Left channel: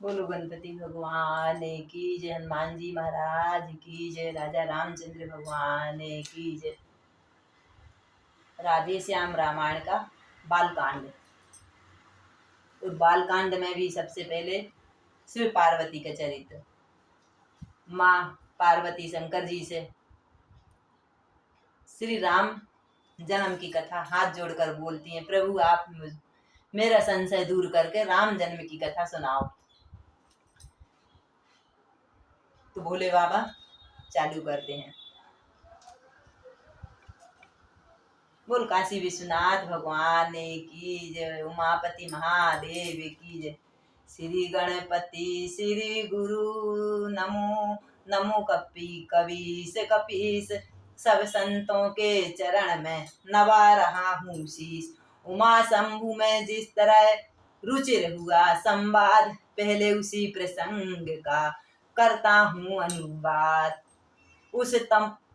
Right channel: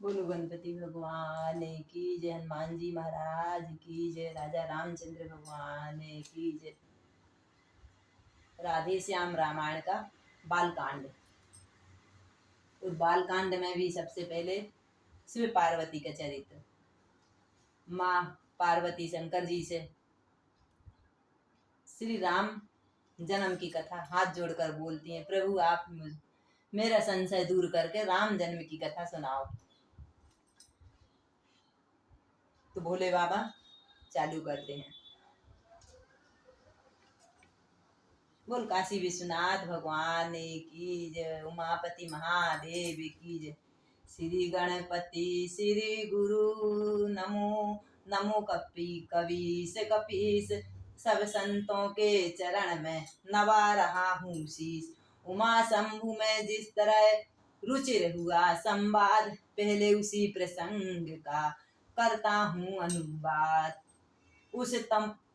बोलो गणपति भगवान की जय, हनुमान जी महाराज की जय, राजा रामचंद्र भगवान की जय। राधे श्याम रामायण का बालकांड। और बालकांड में भी सबसे पहले शिव पार्वती का चरित्र। माँ पार्वती शंकर जी से श्री राम जन्म की कथा हाथ जोड़कर बोलती हैं, प्रभु आप मेरा संशय दूर करके राम जन्म की कथा सुनाओ। तो भोले बाबा चालू करते हैं। बोल काशी विश्वनाथ भगवान की जय, उमापति महादेव की जय। श्री गणपति श्री गुरु नमो नमो कपीस कपीस, सब संतों के चरण में नवा रहा हूँ शीश। उमा शंभु में जिस तरह रुचिर हुआ संवाद, पहले उसी प्रसंग का करता हूँ अनुवाद। उस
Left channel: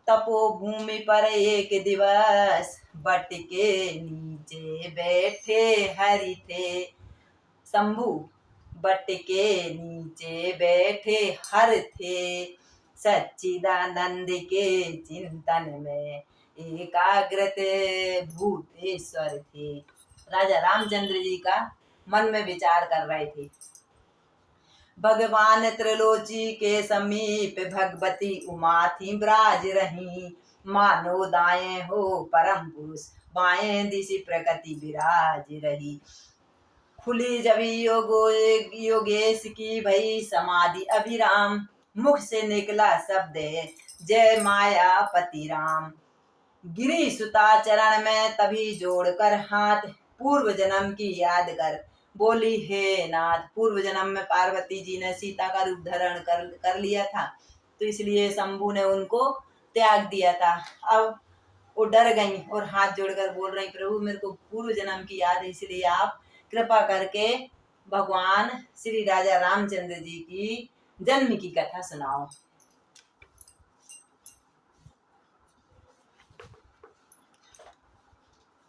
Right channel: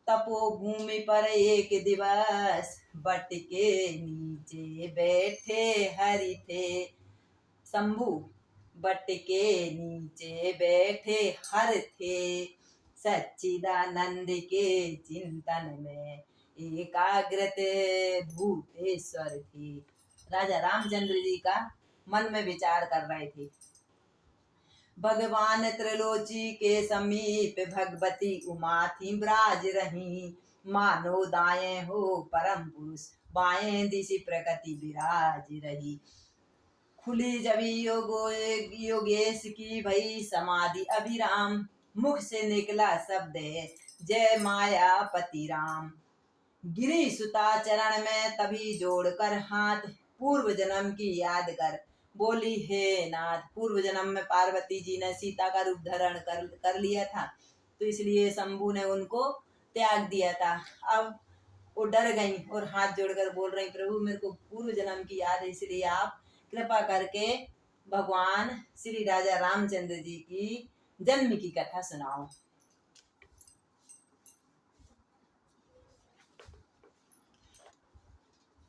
तपोभूमि पर एक दिवस बट के नीचे बैठे हरि थे शंभु। बट के नीचे बैठे हर थे, सच्चिदानंद के चिंतन में एकाग्रत भूतेश्वर थे। राजा रामचंद्र जी का मन में विचार कर रहे थे। भगवान त्रिलोची के समीप भगवती उमा थी ब्राज रही। मानो दाएं हो परम पुरुष, बाएं दिशि प्रकृति विराज रही। खुली जब योगेश की भई समाधि अभिराम, मुख से निकला शब्द है जय मायापति राम। गिरी सुता चरण में तभी जोड़कर हाथ, पूर्व जन्म की याद कर बोली हे नाथ। पूर्व जन्म में पार्वती जी ने सीता का रूप धारण कर लिया था, तो इसलिए शंभू ने उनको त्याग दिया था। अब वो डर गई और हाथ जोड़कर बोल रही, प्रभु मेरे को पूर्व जन्म की याद है, इसलिए आप कृपा करके भगवान श्री राजा रामचंद्र जी की जन्म की कथा सुनाओ।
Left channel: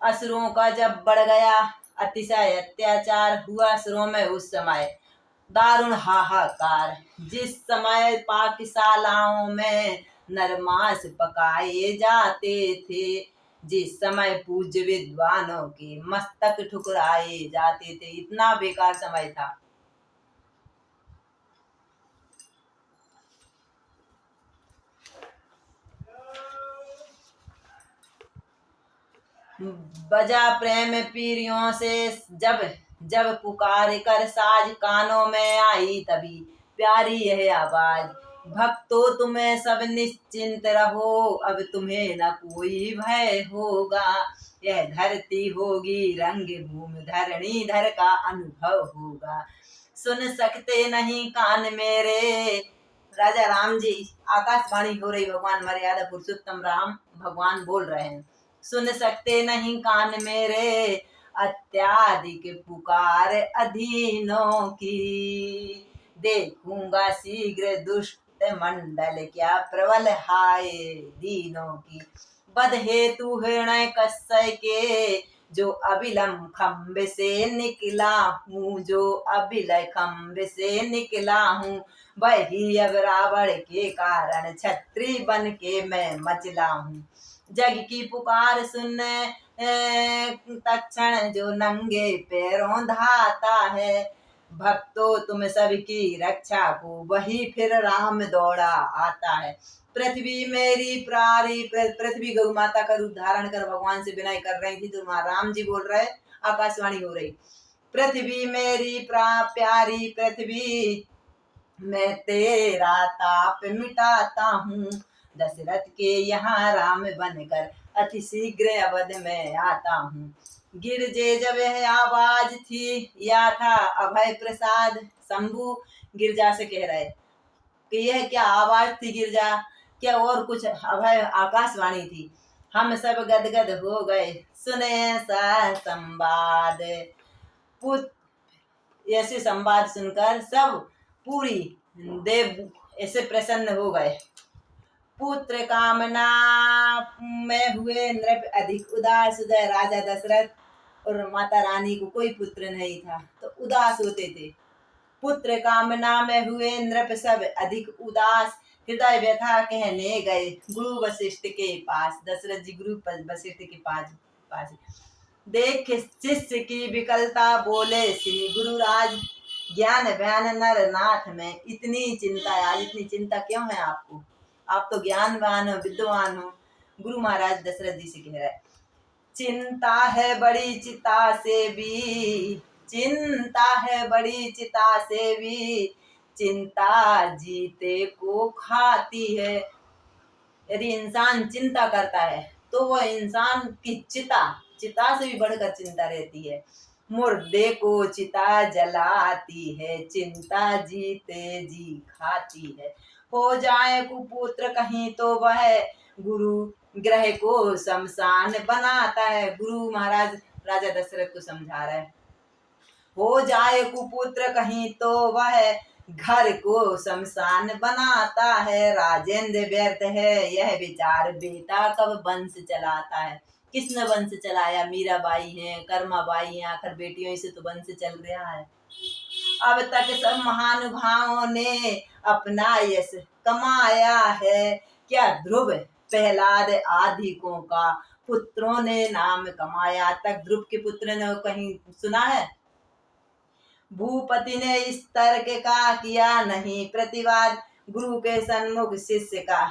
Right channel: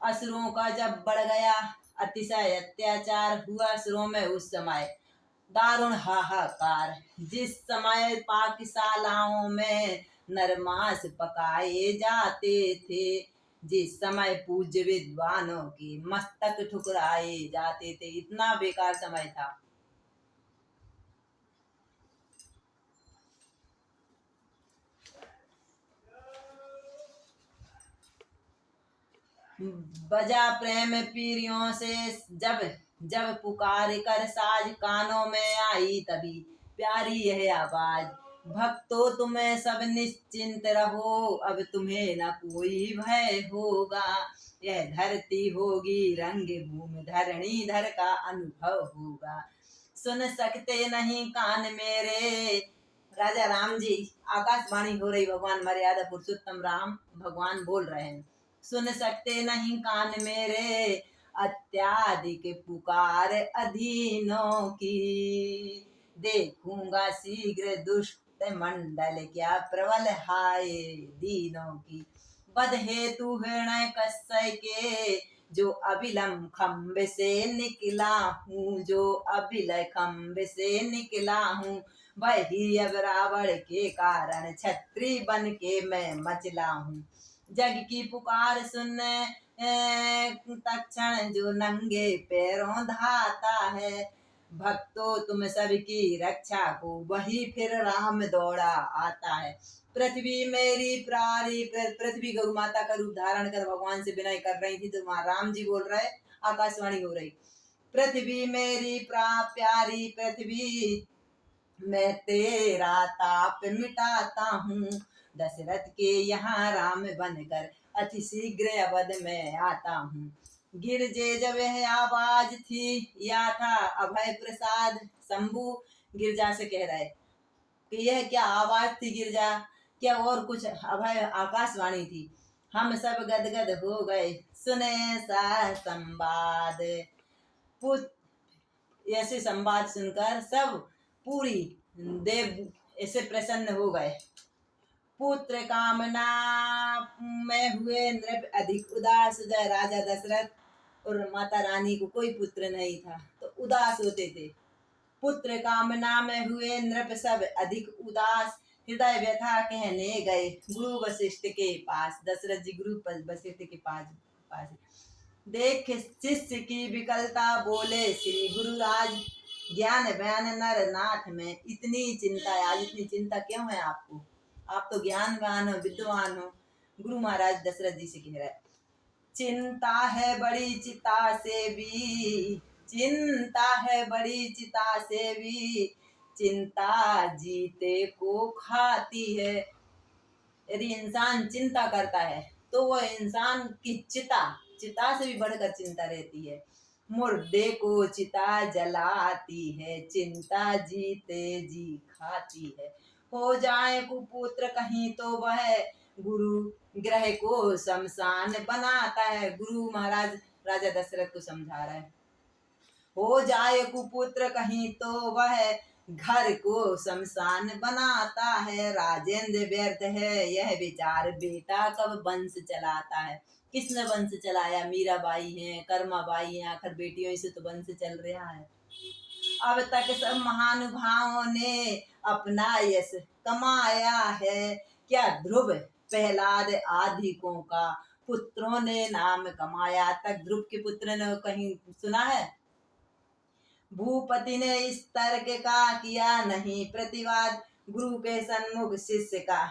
असुरों का जब बढ़ गया अतिशय अत्याचार, हुआ असुरों में उस समय दारुण हाहाकार। जिस समय पाकशालाओं में नरमांस पकाए जाते थे, जिस समय पूज्य विद्वानों के मस्तक ठुकराए जाते थे। इतना बेकार समय था। बजा प्रेम पीरियों से जब जब पुकार कर साज, कानों में आई तभी प्यारी यह आवाज। भक्तों तुम्हें सब निश्चिंत रहो, अब तुम्हें न कोई भय होगा। यह धरती होगी रंग भूमि, धरणी धर का अनुभव होगा। सुन सकते नहीं कान मेरे, राजा राम जी आकाशवाणी हो रही, भगवान मर्यादा पुरुषोत्तम राम भगवान बोल रहे हैं। सुन सकते नहीं कान मेरे, अत्याधिक पुकार अधीनों की। देखूंगा शीघ्र दुष्ट मंडल, क्या प्रबल हाय दीनों की। बद हेतु हृणय कस्य के, जो अभिलम खम्भ से निकला हूँ। जो अभिलय खम्भ से निकला हूँ, वही अब रावण के कारण छत्री बन के मैं मचला हूँ। जग की पुकार सुन तक्षण जो नंगे पैरों धाता है। भक्तों तुम सबकी रक्षा को, वही फिर राम दौड़ा आता है। पृथ्वी मेरी प्यारी, पृथ्वी गौ माता का रूप धारण कर भगवान से विनय कर रही थी, तो वहां राम जी बोल रहे, आकाशवाणी हो रही। पृथ्वी मेरी प्यारी पृथ्वी, मैं तेरा ताप मिटाता हूँ। दशरथ के यहाँ राम बनकर अति शीघ्र अवध में आता हूँ। गिरजे जब यह आवाज थी, या था अभय प्रसाद। शंभु गिरजा से कह रहे कि यह क्या आवाज थी गिरजा, क्या और कुछ अभय आकाशवाणी थी। हम सब गदगद हो गए सुने सा संवाद। ऐसे संवाद सुनकर सब पूरी देव ऐसे प्रसन्न हो गए। पुत्र कामना में हुए नृप अधिक उदास। राजा दशरथ और माता रानी को कोई पुत्र नहीं था, तो उदास होते थे। पुत्र कामना में हुए नृप सब अधिक उदास, हृदय व्यथा कहने गए गुरु वशिष्ठ के पास। दशरथ जी गुरु वशिष्ठ के पास देख शिष्य की विकलता, बोले श्री गुरुराज, ज्ञान व्यान नर नाथ में इतनी चिंता है। आज इतनी चिंता क्यों है आपको? आप तो ज्ञानवान हो, विद्वान हो। गुरु महाराज दशरथ जी से कह रहे, चिंता है बड़ी चिता से भी, चिंता है बड़ी चिता से भी, चिंता जीते को खाती है। यदि इंसान चिंता करता है तो वह इंसान की चिता से भी बढ़कर चिंता रहती है। मुर्दे को चिता जलाती है, चिंता जीते जी खाती है। हो जाए कुपुत्र कहीं तो वह गुरु ग्रह को शमशान बनाता है। गुरु महाराज राजा दशरथ को समझा रहे हैं, हो जाए कुपुत्र कहीं तो वह घर को शमशान बनाता है। राजेंद्र व्यर्थ है यह विचार, बेटा कब वंश चलाता है। किसने वंश चलाया? मीराबाई है, कर्माबाई है, आखिर बेटियों से तो वंश चल रहा है। अब तक सब महानुभावों ने अपना यश कमाया है, क्या ध्रुव प्रहलाद आदिकों का पुत्रों ने नाम कमाया। तक ध्रुव के पुत्र ने कहीं सुना है? भूपति ने इस तर्क का किया नहीं प्रतिवाद, गुरु के सन्मुख शिष्य का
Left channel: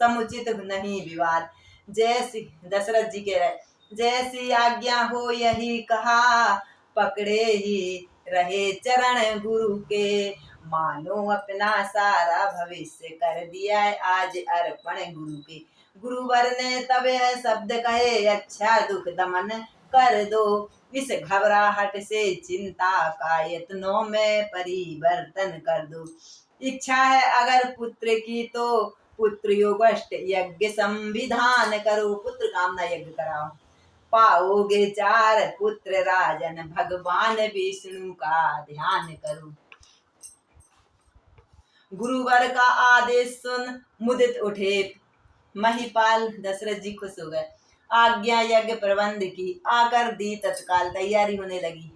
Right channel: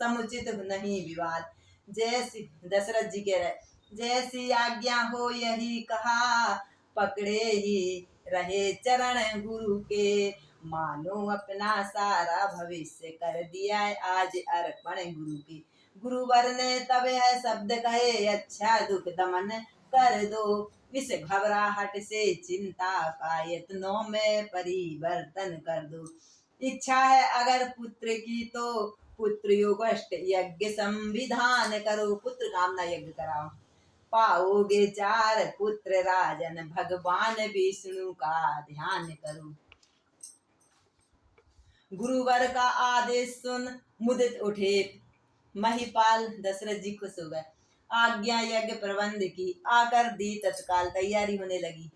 समुचित नहीं विवाद। जैसी दशरथ जी कह रहे, जैसी आज्ञा हो यही कहा, पकड़े ही रहे चरण गुरु के। मानो अपना सारा भविष्य कर दिया आज अर्पण गुरु के। गुरुवर ने तब यह शब्द कहे, अच्छा दुख दमन कर दो, इस घबराहट से चिंता का यत्नों में परिवर्तन कर दो। इच्छा है अगर पुत्र की तो पुत्र योगष्ट यज्ञ संविधान करो, पुत्र कामना यज्ञ कराओ। पाओगे 4 पुत्र राजन, भगवान विष्णु का ध्यान करो। गुरुवर का आदेश सुन मुदित उठे महिपाल। दशरथ जी खुश हो गए, आज्ञा यज्ञ प्रबंध की, आकर दी तत्काल तैयारी होने लगी।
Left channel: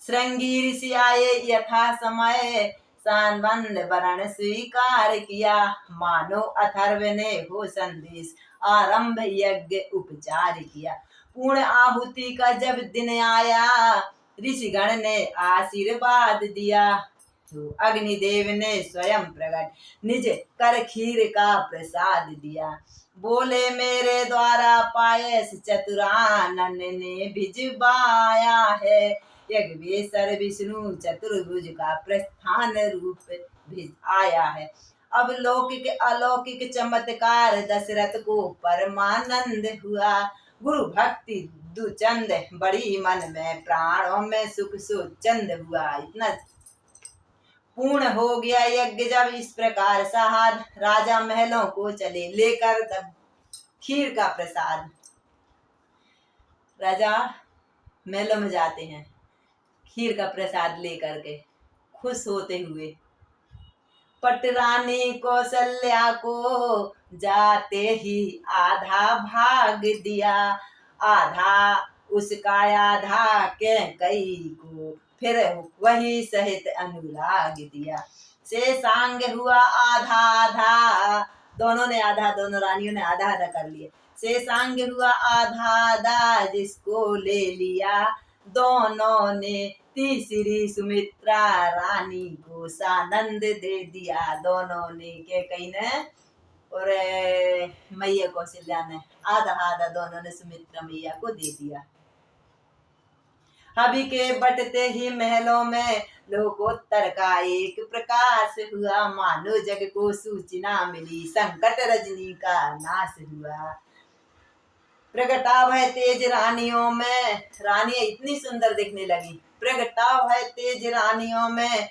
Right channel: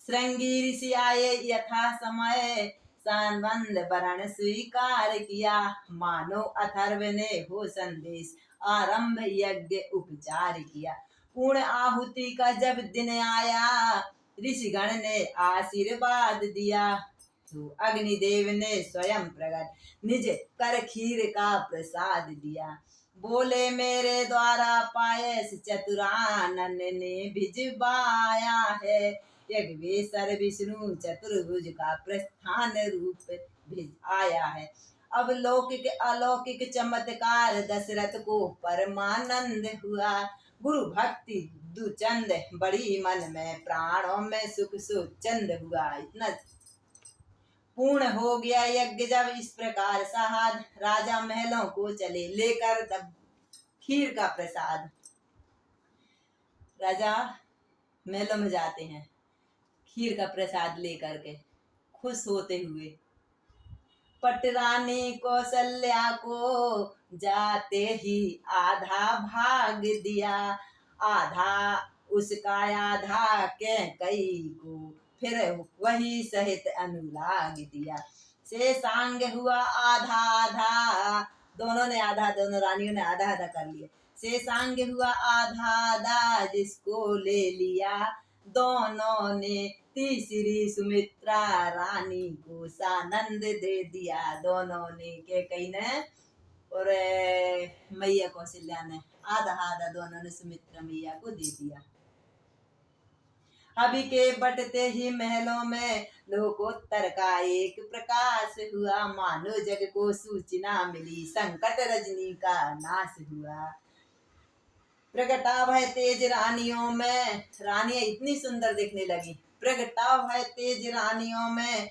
श्रृंगी ऋषि आए यथा समय, सांबंद वरण स्वीकार किया। मानो अथर्व ने हो संदेश, आरंभ यज्ञ उपचार किया। पूर्ण आहुति का जब दिन आया, ऋषिगण ने आशीर्वाद दिया। तो अग्निदेव ने स्वयं प्रकट निज कर खीर का प्रसाद दिया। बोले मेरे द्वारा पायस चतुरानन ने भिजवाया है। यज्ञेश्वर विष्णु चतुर्भुज का प्रस्थान रूप आया है। अब लौकिक अलौकिक चमत्कार दशरथ को परमानंद हुआ। गुरु भक्ति दुचंद बड़ी मन में, प्राणों में सुख सुचंद हुआ। इतना पूर्ण हो गया यज्ञ जब इस प्रकार सहार, राजा महलों को चले लेकर तब खीर का प्रसाद। राजा महलों में जाते हैं खीर का प्रसाद लेकर के खुश होते हुए। पटरानी कौशल्या को जाते ही आधा भाग दिया, आधा उसका आधा के कई को फिर वही सहित अनुराग दिया। शेषांग हुआ आधा आधा, दोनों ने आधा, दोनों रानियों ने आधा आधा कर लिए। शेषांग हुआ आधा आधा जिसको ले लिया, दोनों ने तीसरी सुमित्रा रानी को सानंद दे दिया। दोनों ने के कहीं ने और मैया कौशल्या ने आधा आधा दोनों ने सुमित्रा मैया को दे दिया। अभी के बटते ही महलों में लोकोत्तर का एक प्रकाश हुआ। मानो जग को सूचना मिली, संकट रजनी का नाश हुआ। प्रगटाव है तेज रानियों में, रानियां इतनी सुंदर दिखने लगी। प्रगटाव है तेज रानियों में,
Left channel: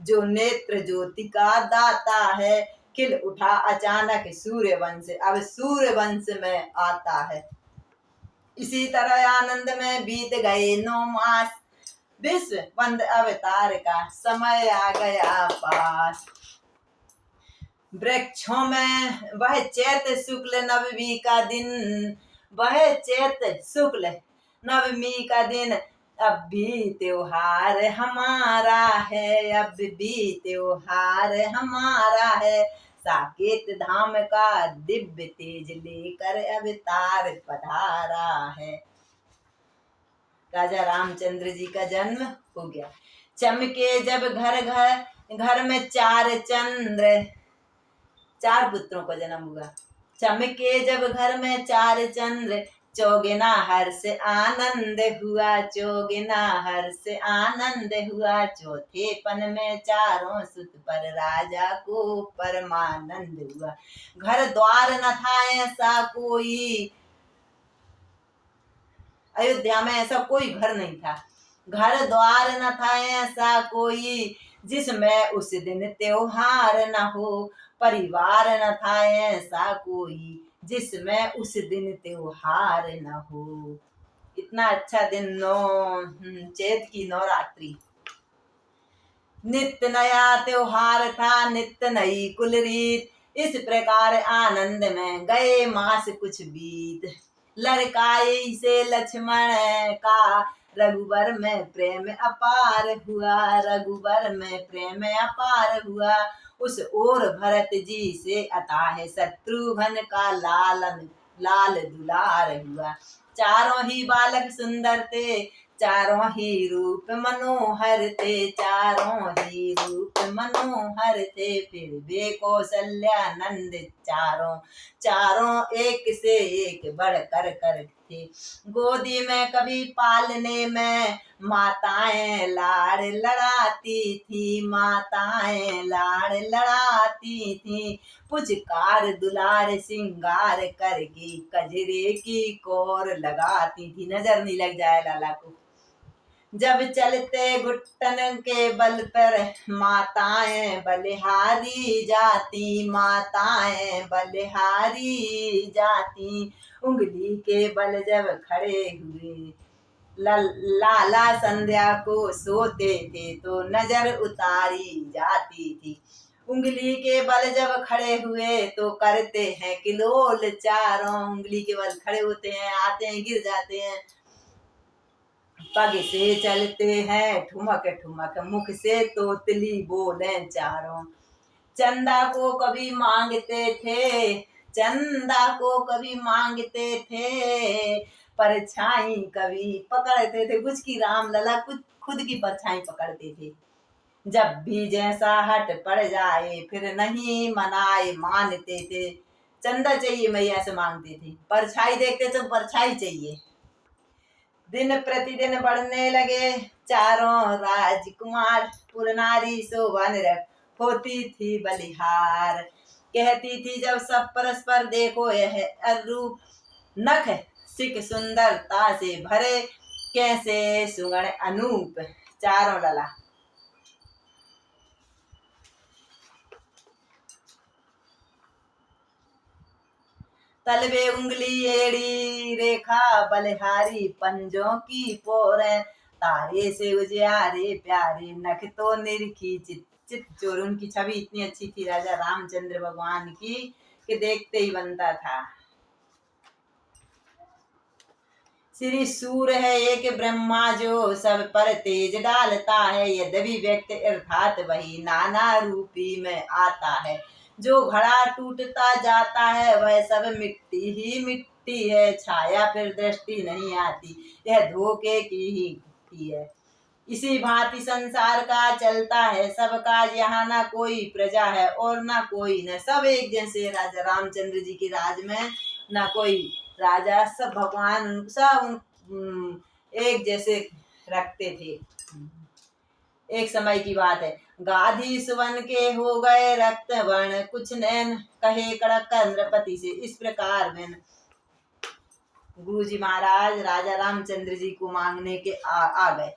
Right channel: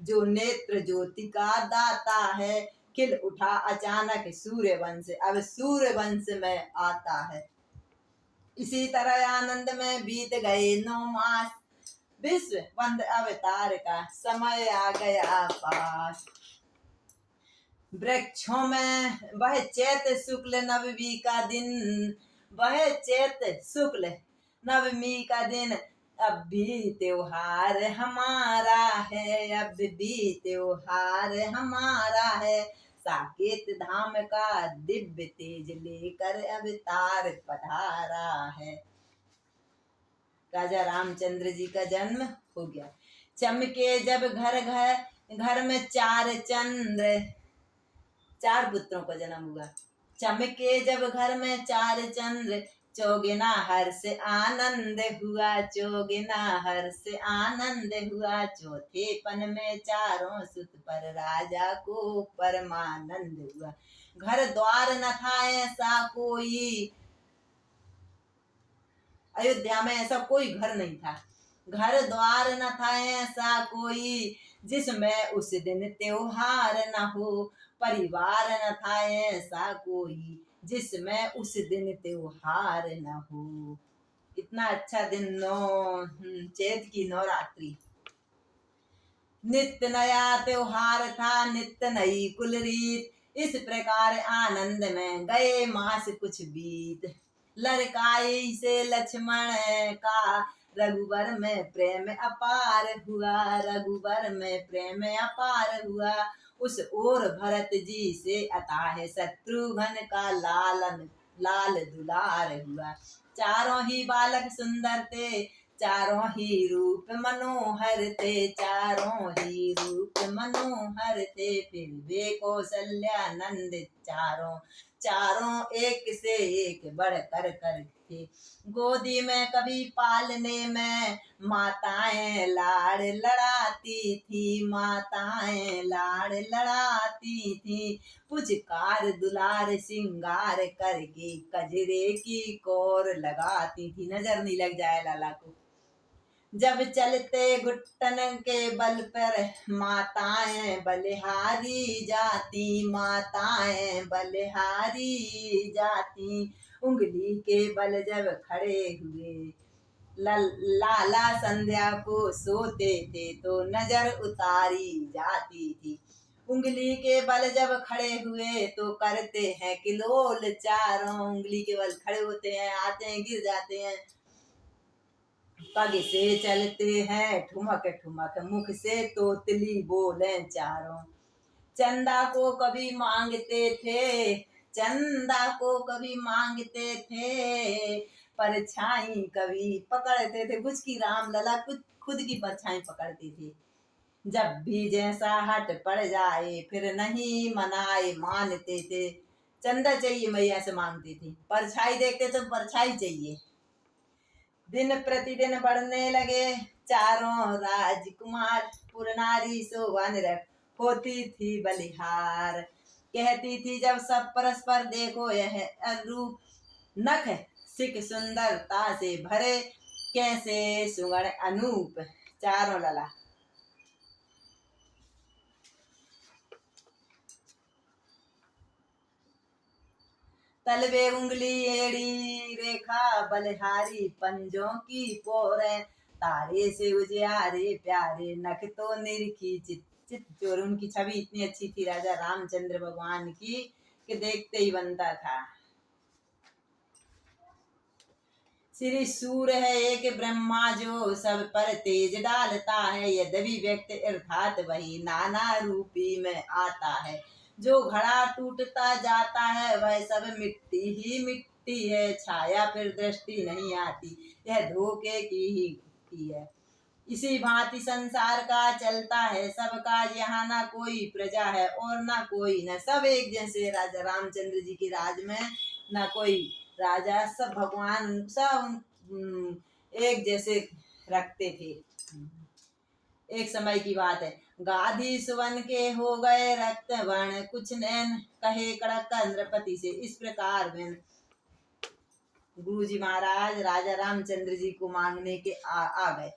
जो नेत्र ज्योति का दाता है। खिल उठा अचानक सूर्यवंश, अब सूर्यवंश में आता है। इसी तरह आनंद में बीत गए 9 मास, विश्व बंद अवतार का समय आ गया पास। वृक्षों में वह चैत्र शुक्ल नवमी का दिन, वह चैत्र शुक्ल नवमी का दिन अब भी त्योहार हमारा है, अब भी त्योहार हमारा है, साकेत धाम का दिव्य तेज लेकर अवतार पधारा है। राजा रामचंद्र जी का जन्म हो गया। चमके जब घर घर घर में चार चंद्र, चार पुत्रों का जन्म हुआ। चमके जब घर में चार चंद्र, चौगुना हर्ष आनंद हुआ, चौगुना हर्ष आनंद हुआ। चौथे पन में चारों सुत पर राजा को परमानंद हुआ। घर द्वार न था ऐसा कोई, अयोध्या में ऐसा कोई घर नहीं था। घर द्वार न था ऐसा कोई, जिसमें उस दिन त्योहार न हो। परिवार न था ऐसा कोई, जिसमें उस दिन त्योहार न हो। इतना अच्छा दिन चैत की नवरात्रि। नित्य नया त्योहार था, नित्य नई कुल रीत, इस प्रकार आनंद में गए मास कुछ बीत। लड़काई से लक्ष्मण का, रघुवर में प्रेम अपार हुआ, रघुवर में प्रेम अपार हुआ। उस ओर भरत जी से अताह शत्रुघ्न का लाल दुलार हुआ। चारों ही बालक सुंदर थे, चारों ही रूप मनोहर थे, चारों ही रूप मनोहर थे। फिर वे कौशल्यानंद चारों एक से एक बढ़ कर थे। गोदी में कभी पालने में माताएं लाड़ लड़ाती थी, माताएं लाड़ लड़ाती थी। पुचकार दुलार सिंगार करके कजरे की कोर लगाती थी, नजर नहीं लग जाए लाला को। जब चलते घुटन के बल पर माताएं बलिहारी जाती, माताएं बलिहारी जाती। उंगली के बल जब खड़े हुए लाला संध्या को सोते थे तो नजर उतारी जाती थी। उंगली के बल जब खड़े हुए तो करते हैं किलोल चारों, उंगली के बल खड़े होते हैं, आते हैं गिर जाते हैं। पग से चलते हैं ठुमक ठुमक, मुख से तोतली बोले चारों। चंदा को कभी मांगते थे, चंदा को कभी मांगते थे, परछाई कभी पकड़ते थे। कुछ की राम लला कुछ खुद की परछाई पकड़ते थे। जब भी जैसा हट पड़ जाए फिर नहीं मनाए मानते थे। चंदा चाहिए मैया से मांगते थे, परछाई देखते तो परछाई चाहिए। दिन प्रतिदिन बढ़ने लगे चारों राजकुमार, पुरनारी शोभन होती थी बलिहार। कहती थी जब सब परस्पर देखो यह अरूप, नख सिक सुंदरता से भरे, कैसे सुगण अनूप। चारों लला तलवे उंगली एड़ी रेखा बलिहारी, पंजों की पोरे तारे से उजियारे प्यारे, नख तो निरखी चित चित चोर। उनकी छवि इतनी अच्छी थी राजा रामचंद्र भगवान की कि देखते ही बनता था। श्री सूर है एक ब्रह्मा जो सब पर तेज डालता है, यद्यपि व्यक्ति अर्थात वही नाना रूपी में आता है। जो घड़ा टूटता जाता है वह सब मिट्टी ही मिट्टी है, छाया फिर दृष्टि नहीं आती, यह धोखे की ही है। इसी भांति संसार का चलता है सबका, यहाँ ना कोई प्रजा है और ना कोई न, सब एक जैसे। राजा रामचंद्र जी के राज में ना कोई राजा, सब भगवान सब एक जैसे रखते थे। एक समय की बात है, गाधी सुवन के हो गए रक्त वर्ण, कुछ नैन कहे कड़क इंद्रपति से, इस प्रकार में गुरु जी महाराज राजा रामचंद्र जी को मांगने के आ गए।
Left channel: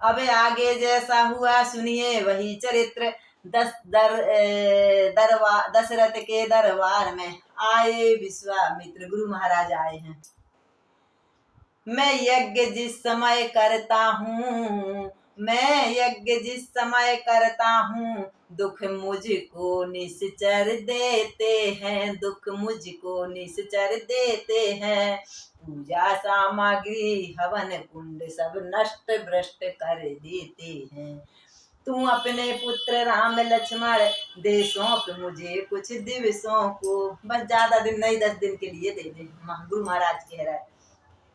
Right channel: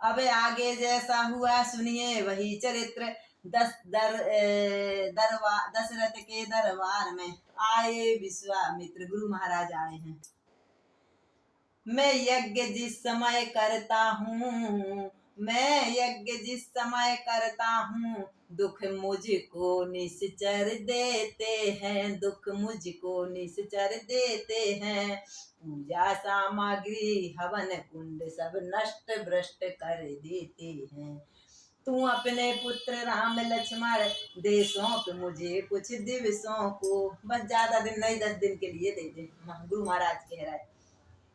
अब आगे जैसा हुआ सुनिए वही चरित्र। दशरथ के दरबार में आए विश्वामित्र, गुरु महाराज आए हैं। मैं यज्ञ जिस समय करता हूँ, मैं यज्ञ जिस समय करता हूँ, दुख मुझको निश्चर देते हैं, दुख मुझको निश्चर देते हैं। पूजा सामग्री हवन कुंड सब नष्ट भ्रष्ट कर देते हैं। तू अपने पुत्र राम लक्ष्मण दे सौंप मुझे कुछ दिवसों को, बस ज्यादा दिन नहीं, 10 दिन के लिए दे दे। गुरु महाराज कह रहा है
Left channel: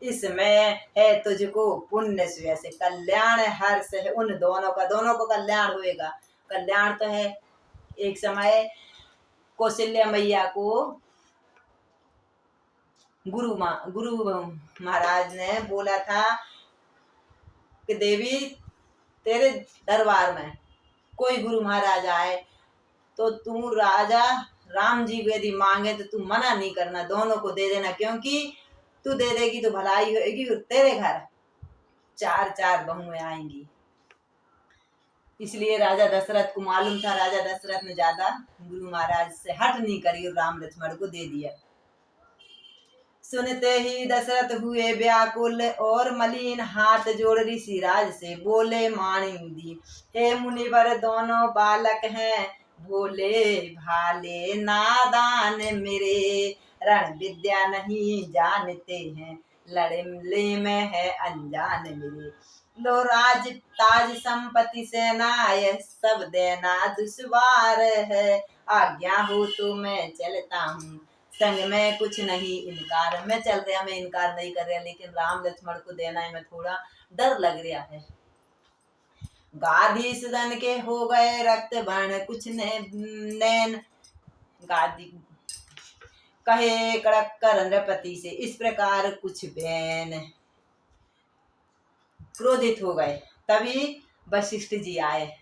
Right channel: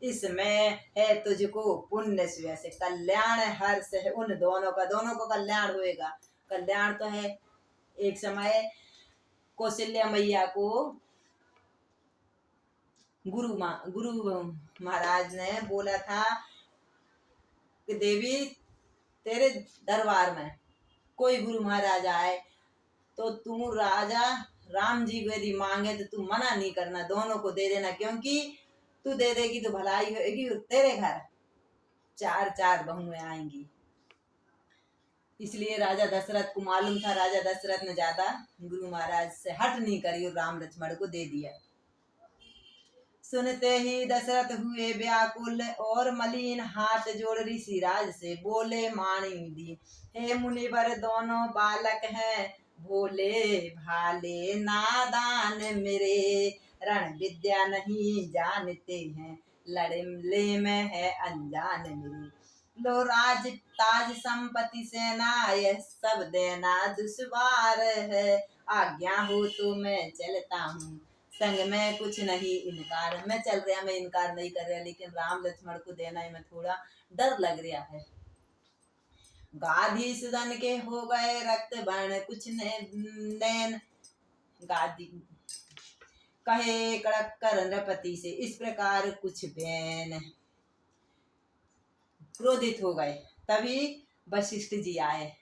इसमें है तुझको पुण्य से कल्याण हर्ष है, उन दोनों को कल्याण होएगा। कल्याण तो है, एक समय कौशल्या मैया को गुरु महाराज ने बोला था कि देवी तेरे दरबार में कोई गुरु महाराज आए तो तू राजा राम जी को यदि मांगे तो तू मना नहीं करना, दोनों को दे देना, क्योंकि तू दे देगी तो भलाई होगी और तेरे घर 4 बहुएं आएंगी। इसलिए राजा दशरथ को मालूम था, राजा दशरथ ने ज्यादा गुरु महाराज से हट नहीं करी और राम लक्ष्मण को दे दिया। सुनते ही दशरथ हुए व्याकुल और मलिन, हाथ जोड़ ऋषिराज से बोले माणी दी, हे मुनिवर दोनों बालक हैं भोले भाले नादान मेरे, रण विद्या नहीं जानते हैं लड़े में है अनजान मेरे। लो राज ताज संपत्ति सेना यह सब देना दुश्वार है, आज्ञा हो तो मैं चलता हूँ संग में कुछ नहीं इनकार। मैं चल रहा, मैं इनकार नहीं कर रहा, लेकिन राम लक्ष्मण को देना है मैं थोड़ा डर लग रहा है। गाधी सदन के हो गए रक्त वर्ण कुछ नैन, गादी कहे कड़क कर नृपति से इस प्रकार कुछ बैन, क्रोधित हो गए। तभी वशिष्ठ जी आए,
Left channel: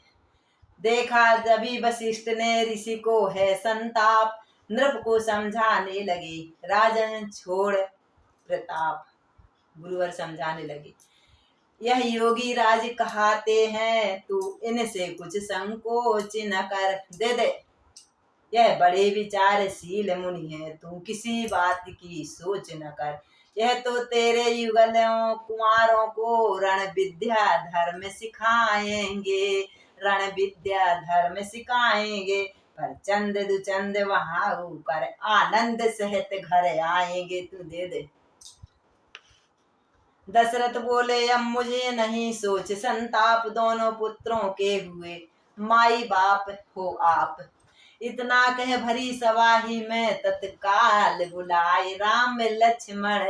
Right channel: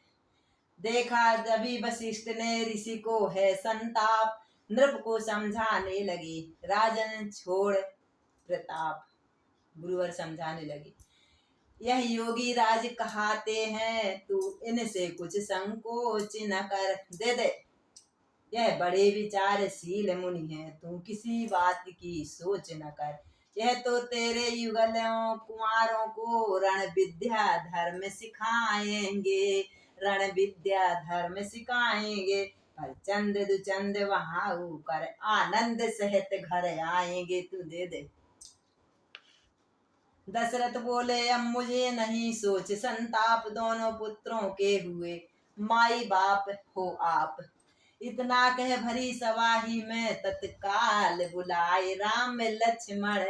देखा जभी वशिष्ठ ने ऋषि को है संताप, नृप को समझाने लगे राजन छोड़ प्रताप। गुरुवर समझाने लगे यह योगी राज कहाते हैं, तू इनसे कुछ संकोच न कर, दे दे यह बड़े विचारशील मुनि है, तू किसी बात की सोच न कर। यह तो तेरे युगलों कुमारों को रण विद्या धर्म सिखाएंगे, रण विद्या धर्म सिखाएंगे, पर चंद दुचंद वहां कर आनंद सहित घर आएंगे, तू दे दे। दशरथ बोले अब मुझे नहीं सोच संताप, दोनों पुत्रों के हुए माई बाप हो आप। इतना कह भरी सभा ही में तत्काल बुलाए राम लक्ष्मण,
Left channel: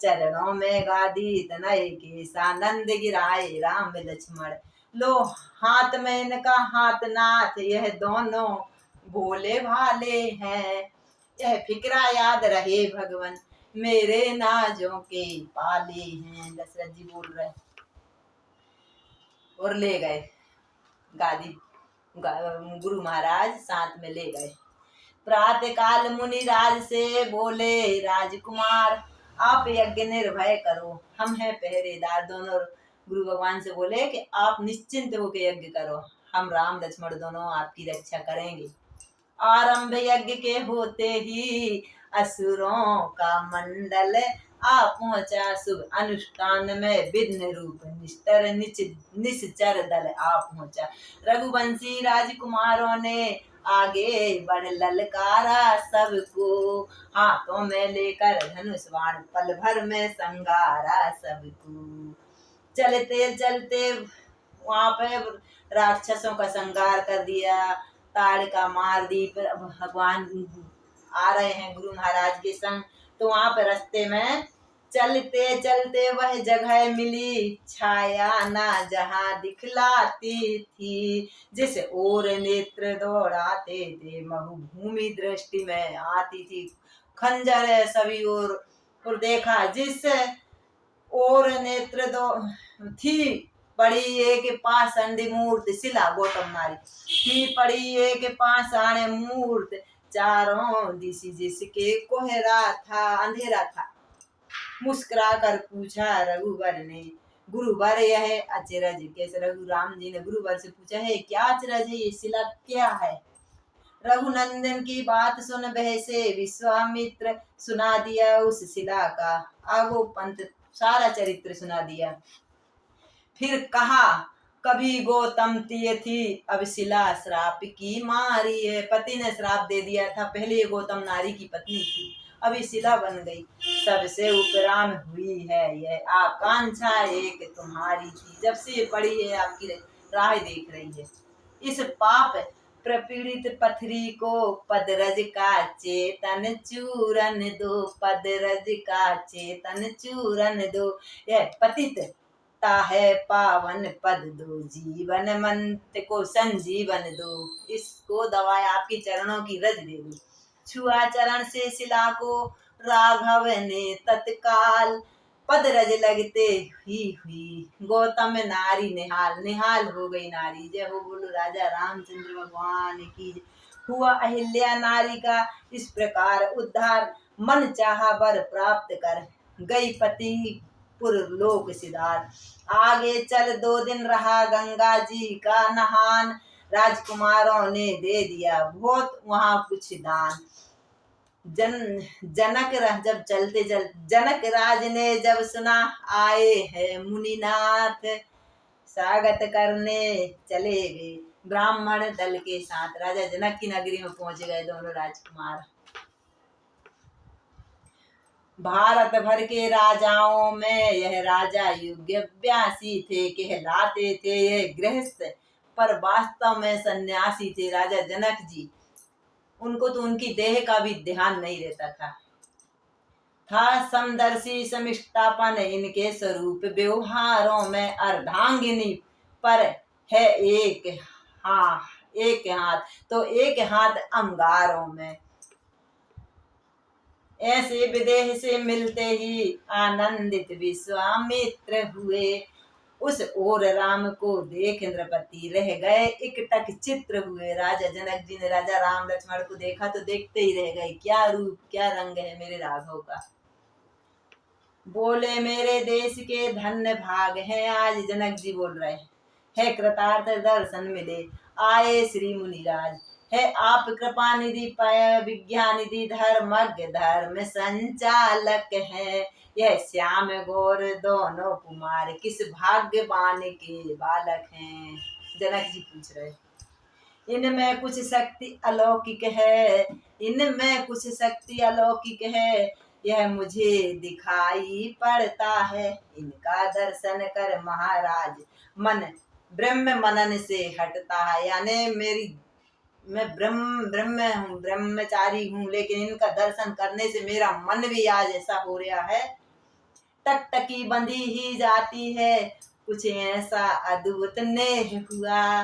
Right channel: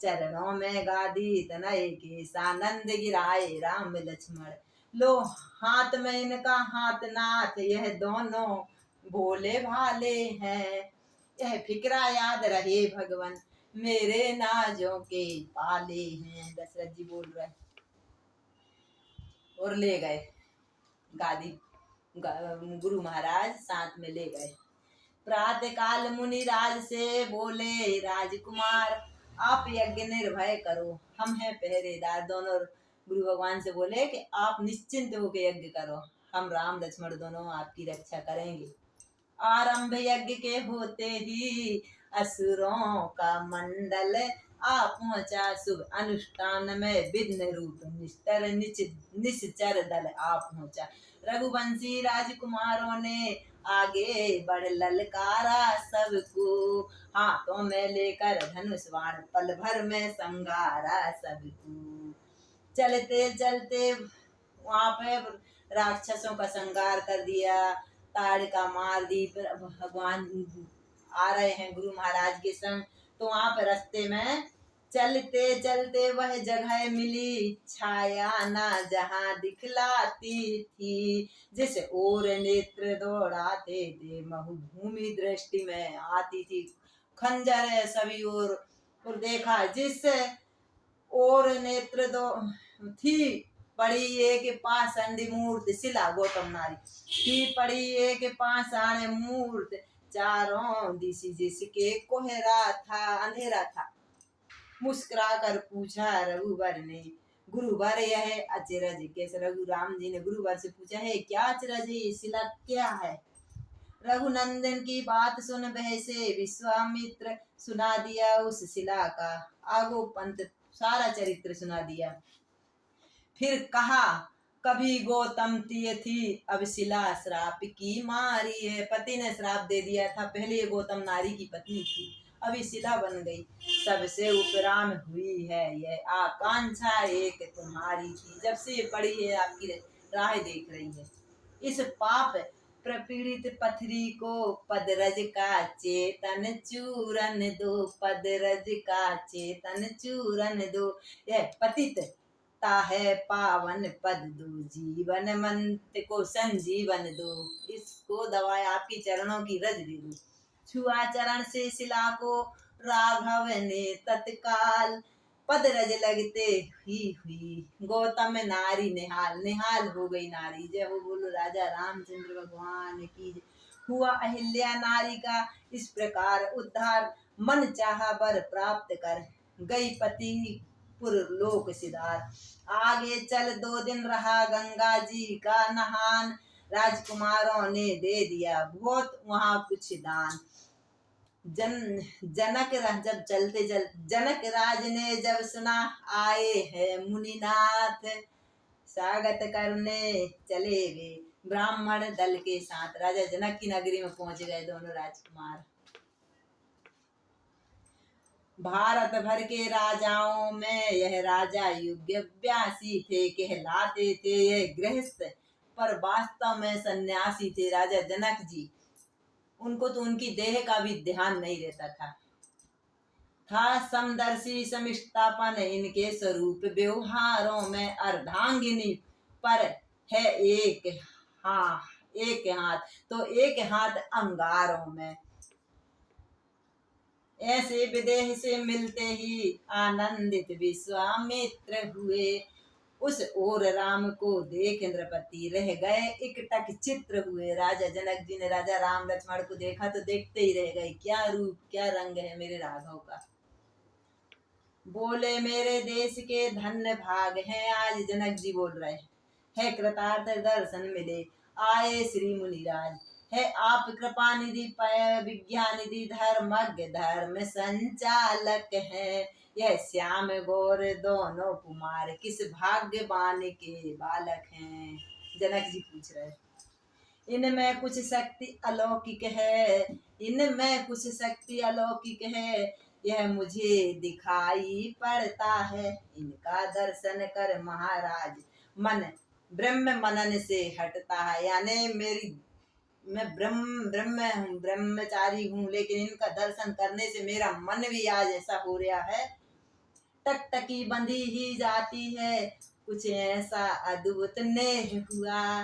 चरणों में गादी तनय के सानंद गिराए राम लक्ष्मण। लो हाथ में इनका हाथ नाथ यह दोनों भोले भाले हैं, यह फिक्रा याद रहे भगवान मेरे नाजों के पाले हैं। दशरथ जी बोल रहे और ले गए गादी, गुरु महाराज साथ में ले गए। प्रातः काल मुनि राज से बोले राजकुमार आप यज्ञ निर्भय करो, हम हैं पहरेदार। दोनों गुरु भगवान से बोले कि आप निश्चिंत होकर यज्ञ करो, हम राम लक्ष्मण दोनों आपकी रक्षा करेंगे। आरंभ यज्ञ के होते ही असुरों का मंडल आ पहुंचा, शुभ अनुष्ठान में विघ्न रूप निष्ठर निश्चर दल आ पहुंचा। रघुवंशी राजकुमारों ने आगे बढ़ ललकारा सबको, हाथों में लेकर धनुष बाण पल भर में संगारा सबको। चलते चलते वहां पे राक्षसों का संगार कर दिया, ताड़का मार दी। फिर भगवान आ रहे हैं गुरु महाराज के संग, तो वहां पर रास्ते में चलते चलते वह जगह मिली छाया ना जहां दिखलाती थी, जिस ओर नेत्र दौड़ाते थे मरुभूमि दृष्टि में आती थी। खंजर है सभी और देखा जिस और नेत्र दो थी पड़ी एक पाषाणी मूर्ति, शिला गौतम नारी थी पड़ी एक पाषाण मूर्ति, चारों दिशा जिसके कोहरा था अंधेरा था। मुस्कुरा कर पूछा रघुवर ने गुरुवर यह अचरज कैसे, रघु राम जी ने गुरुवर से पूछा है क्या अचरज है, ये शिला क्या है। रघुनंदन की बात सुन बहसे विश्वामित्र सुना दिया उस शिला का आगो पंत सारा चरित्र सुना दिया। फिर कहा कभी गौतम तिय थी, अब शिला श्राप की मारी है। पति ने श्राप दे दिया था, पहले ये गौतम नारी की पत्नी थी, अभी शिला बन गई। सबसे उपराम हुई है यह आकांक्षा एक तुम्हारी थी। जब से ये पड़ी है आपकी राह देख रही है। इस पाप प्रपीड़ित पथरी को पदरज का चेतन चूरन दो, पदरज का चेतन चूरन दो। यह पतित ता है पावन पद दो, जीवन मंत्र को संजीवन दो। इसको दवाएं आपकी चरणों की रज दे दो। छुआ चरण से शिला को राघव ने तत्काल, पद रज लगते ही हुई गौतम नारी निहाल। निहाल हो गई नारी। जय हो बोलो राजा रामचंद्र भगवान की। हुआ अहिल्या नारी का इस प्रकार उद्धार, मन चाहा वर प्राप्त कर गई पति पुर लोक सिधार। आगे चल 2 दिन रहा गंगा जी का नहान, राजकुमारों ने दे दिया बहुत वहां कुछ दान। जब चलते जनक राज ने जब सुना, आए हैं मुनिनाथ स्वागत करने चले वे ब्राह्मण दल के साथ। राजा जनक की नगरी में पहुंच गए दोनों राजकुमार। भारत भर के राजाओं में यह राजा योग्य व्यासी थे, कहलाते थे यह गृहस्थ, पर वास्तव में सन्यासी थे। राजा जनक जी, उनको तो उनकी देह का भी ध्यान नहीं रहता था समदर्शी समिष्टापन इनके स्वरूप व्यवहारों में। अर्धांगिनी पर है एक हाथ तो एक हाथ अंगारों में। ऐसे विदेह से मिलते ही आनंदित विश्वामित्र हुए, उस ओर राम को देख नृपति रह गए एकटक चित्र हुए। राजा जनक जी ने राजा राम लक्ष्मण को देखा तो देखते ही रह गए, क्या रूप क्या रंग है मेरे राघव का। बोले मेरे देश के धन्य भाग है, आज जनक जी बोल रहे है कृतार्थ दर्शन मिले आए श्री मुनिराज। है आप कृपा निधि पय विज्ञान निधि धर्मज्ञ धर्म संचालक है। यह श्याम गौर दोनों कुमार किस भाग्यवान के बालक हैं। जनक जी पूछ रहे, इनमें कुछ शक्ति अलौकिक है, इनमें कुछ शक्ति अलौकिक है, यह मुझे दिखाई पड़ता है। इनका दर्शन कर महाराज मन ब्रह्म मनन से हटता है। यानी मैं ब्रह्मचारी हूँ, लेकिन इनका दर्शन करने से मेरा मन भी आज ऐसा हो रहा है, टकटकी बंधी ही जाती है। कुछ ऐसा अद्भुत नेह हुआ,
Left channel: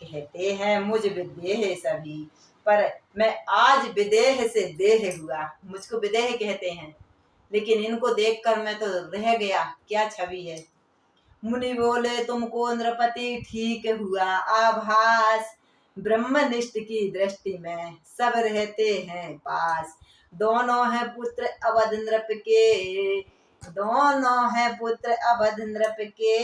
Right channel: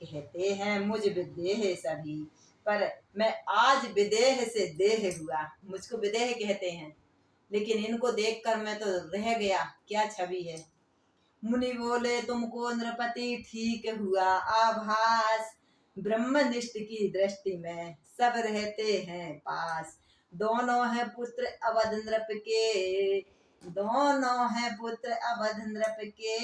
कहते हैं मुझ विदेह सभी, पर मैं आज विदेह से देह हुआ। मुझको विदेह कहते हैं, लेकिन इनको देखकर मैं तो रह गया, क्या छवि है। मुनि बोले तुमको नृपति ठीक हुआ आभास, ब्रह्मनिष्ठ की दृष्टि में सब रहते हैं पास। दोनों हैं पुत्र अवध नृप के, दोनों हैं पुत्र अवध नृप के,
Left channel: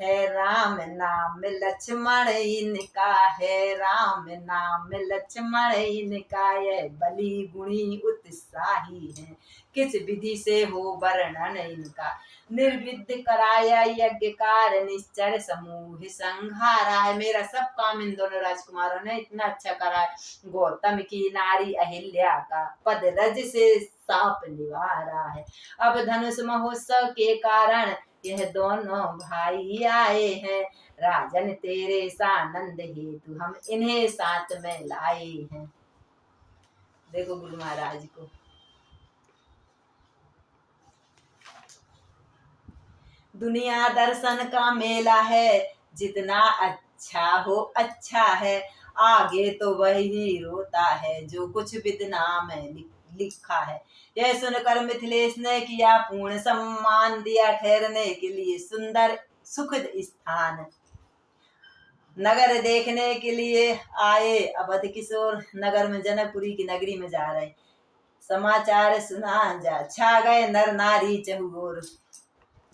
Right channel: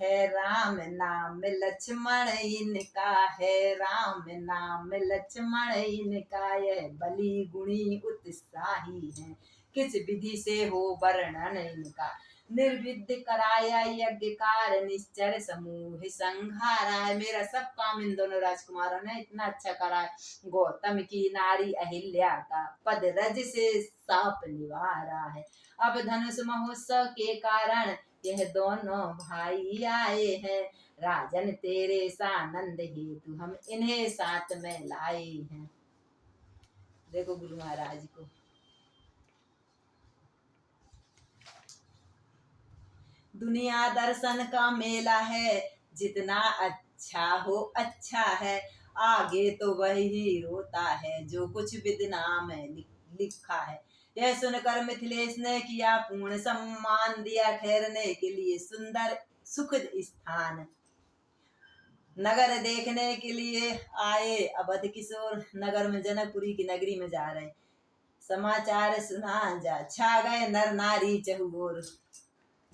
है राम नाम लक्ष्मण इनका, है राम नाम लक्ष्मण इनका। यह बलि गुणी उत्साही है, किस विधि से हो वर्णन इनका। निर्विद्य कराया यज्ञ कार निश्चर समूह संहारा है। मेरा सब काम इन दोनों राजकुमारों ने इतना अच्छा करा है। गौतम की नारी अहिल्या का पद रज से साप निवारा है। अब धनुष महोत्सव के कारण यह दोनों भाई आए हैं, राजन तेरे सानंद हेतु हम इन्हें साथ में लाए हैं। देखो गुरु महाराज को, दुनिया दर्शन का मेला है, जितना अच्छा हो अच्छा है, आगे तो वही रोता है जो कुछ विदना में लिखा है। यह सुनकर मिथिलेश ने किया पूर्ण सम्मान, दिया ठहरने के लिए सुंदर सुखद स्थान। नगर देखने के लिए आए अवध किशोर, नगर में जनकपुरी की नगरी में जा रहे। समाचार सुना जा छा गए नर नारी चहुओर,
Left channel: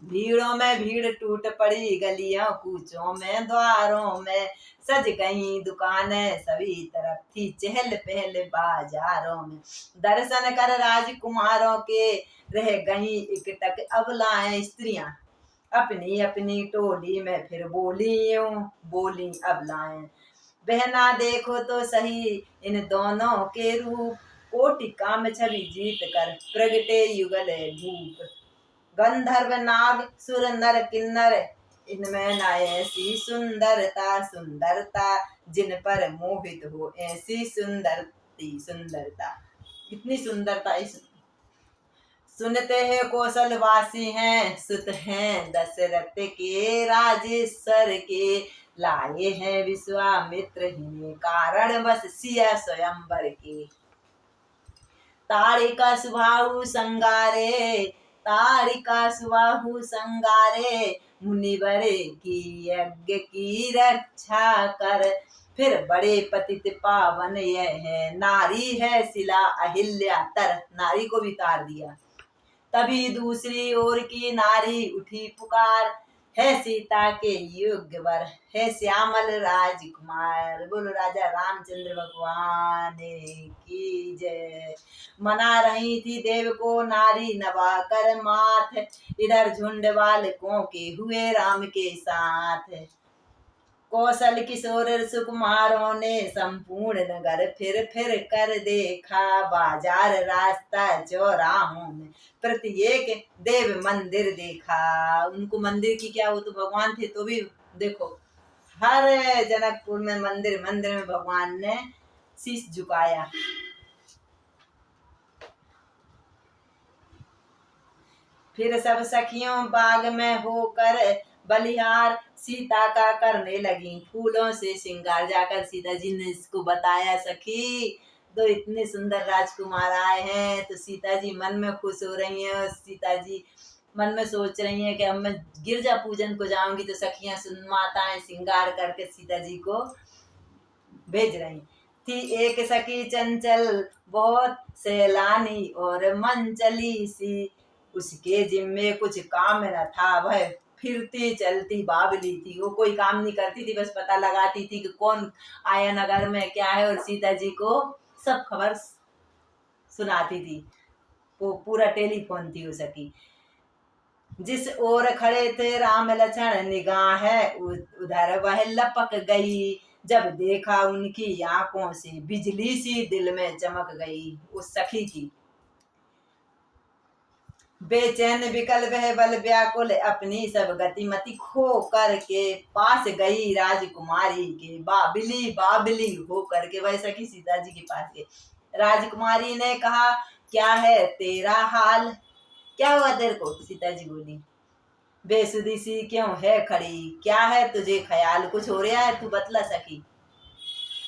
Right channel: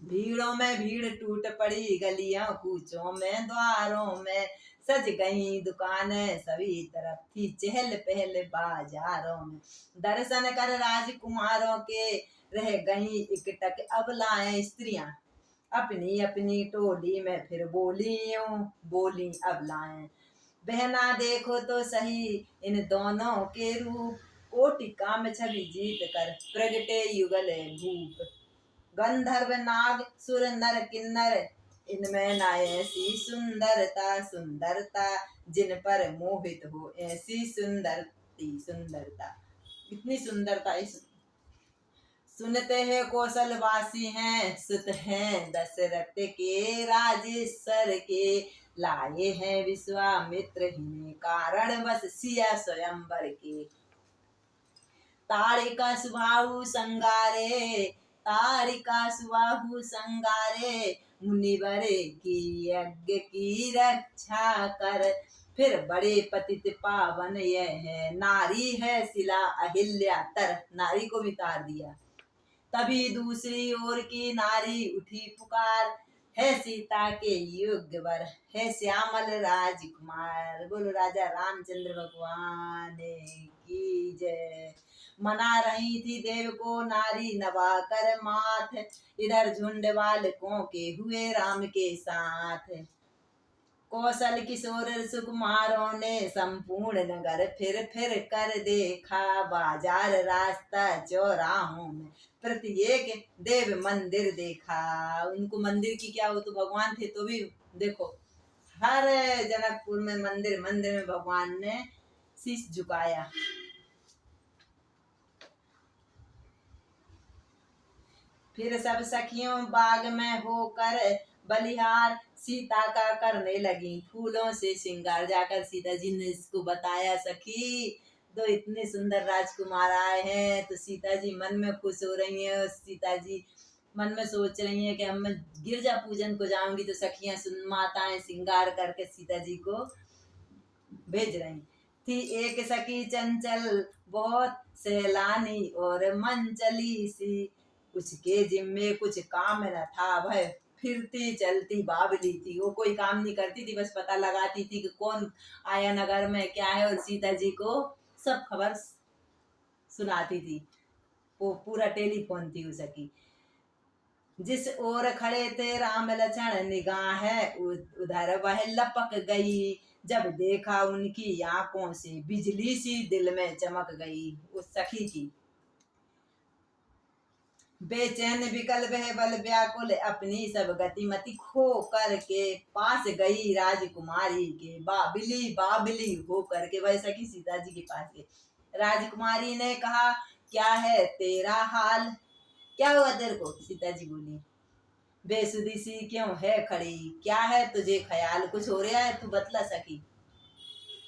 भीड़ों में भीड़ टूट पड़ी, गलियों कूचों में द्वारों में सज गई दुकानें, सभी तरफ थी चहल पहल बाजारों में। दर्शन कर राजकुमारों के रह गई एकटक अबलाएं स्त्रियां, अपनी अपनी टोली में फिर बोली यूं, बोली अब लाएं बहना देखो तो सही इन दोनों के रूप, कोटि काम छवि जीत कर प्रगटे युगल भूप। गंधर्व नाग सुर नर किन्नर इनमें न ऐसी सुंदरता सुंदरता, जिन पर मोहित हो ऐसी सुंदरता। इतनी सुंदरता इस सुनते हैं कौशलवासी हैं, सुत हैं दशरथ के राजेश्वर के, लाए हैं विश्वामित्र ही कारण बस सिया स्वयंवर के। तारिका सुबाहु संगारे, तारिका सुबाहु संगारे, मुनिवर की यज्ञ की रक्षा कर, फिर बड़े पतित पावन यह है, नारी है शिला अहिल्या तर, नारी को भी तार दिया। तभी दूसरी ओर की नारी उठी पुकार, है सीता के योग्य वर, है श्यामल राजकुमार। बोलो राजा रामचंद्र भगवान की जय। मना रही थी देव को नारी नवा कर माथ, इधर झुंड बालकों के हुए राम के साथ। कौशल किशोर सुकुमारों ने संपूर्ण नगर फिर कर देखा, बाजार रास्ता चौराहों में प्रत्येक देव मंदिर देखा। उनको मंदिर की क्या, वो तो भगवान थे तो भी देखो हर जनकपुर में मंदिर मंदिर में भगवान ने शीश झुकाया। फिर सब सखियों बाग में होकर बलिहार, सीता का करने लगी फूलों से श्रृंगार। जाकर सीता जी ने इसको बताया, सखी तो इतने सुंदर राजकुमार आए हैं। तो सीता जी मन में खुश हो रही हैं और सीता जी मन में सोच रही हैं कि अब मैं गिरजा पूजन को जाऊंगी तो सखियां माताएं श्रृंगार करके सीता जी को भेज रही थी। एक सखी चंचल बहुत सैलानी और मंचली सी, उसके जिम्मे कुछ काम न था, वह फिरती चलती बावली थी। वो कोई काम नहीं करती थी, बस पता लगाती थी कि कौन आया नगर में क्या है, और सीता जी को सब खबर सुनाती थी। वो पूरा टेलीफोन थी उसकी। जिस ओर खड़े थे राम लक्ष्मण निगाह है उधर वह लपक गई, जब देखा उनकी आंखों से बिजली सी दिल में चमक गई। उस सखी की बेचैन विकल वह बल व्याकुल, अपनी सब गतिमति खो करके पास गई राजकुमारी के, बाबली बाबली हो करके वह सखी सीता जी के पास गई। राजकुमारी ने कहा, क्या है तेरा हाल, क्या हुआ तेरे को? सीता जी बोली, बेसुधी सी क्यों है खड़ी, क्या है तुझे ख्याल, कुछ हो रहा है, तू बतला सखी।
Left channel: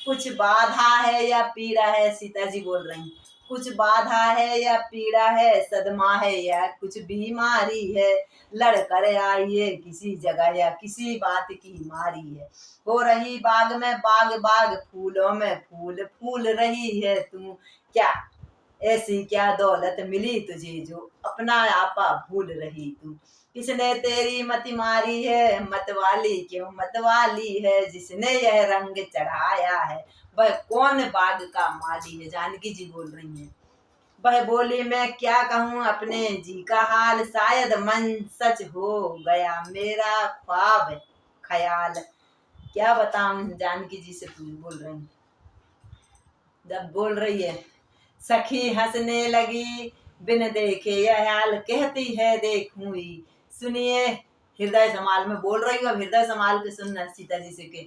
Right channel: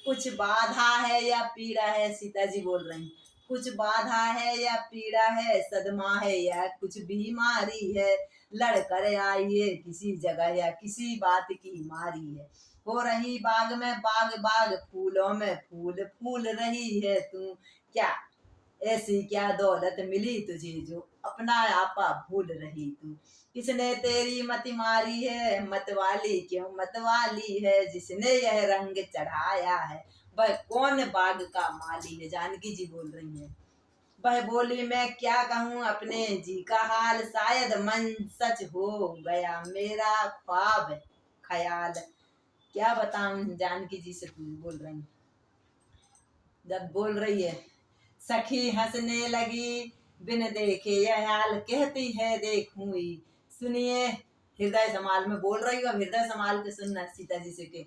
कुछ बाधा है या पीड़ा है, सीता जी बोल रही, कुछ बाधा है या पीड़ा है, सदमा है या कुछ बीमारी है, लड़कर आइए किसी जगह या किसी बात की मारी है। हो रही बाग में बाग बाग, फूलों में फूल फूल रही है तू, क्या ऐसी क्या दौलत मिली तुझे जो अपना आपा भूल रही तू। किसने तेरी मति मारी है, मतवाली क्यों मतवाली है, जिसने यह रंग चढ़ाया है वह कौन बाग का माली है। जानकी जी बोल रही हैं। वह बोली, मैं क्या कहूँ अपने जी का हाल, शायद मन सच हो गया मेरा ख्वाब ख्याल। क्या बताऊं, जानकी जी से बोल रही, जब बोल रही है सखी हंसने लगी, बिन देखे यह हाल कहती है देखूंगी। सुनिए, हृदय संभाल में बोल रही हूँ, हृदय संभाल के सुनना सीता जी से के।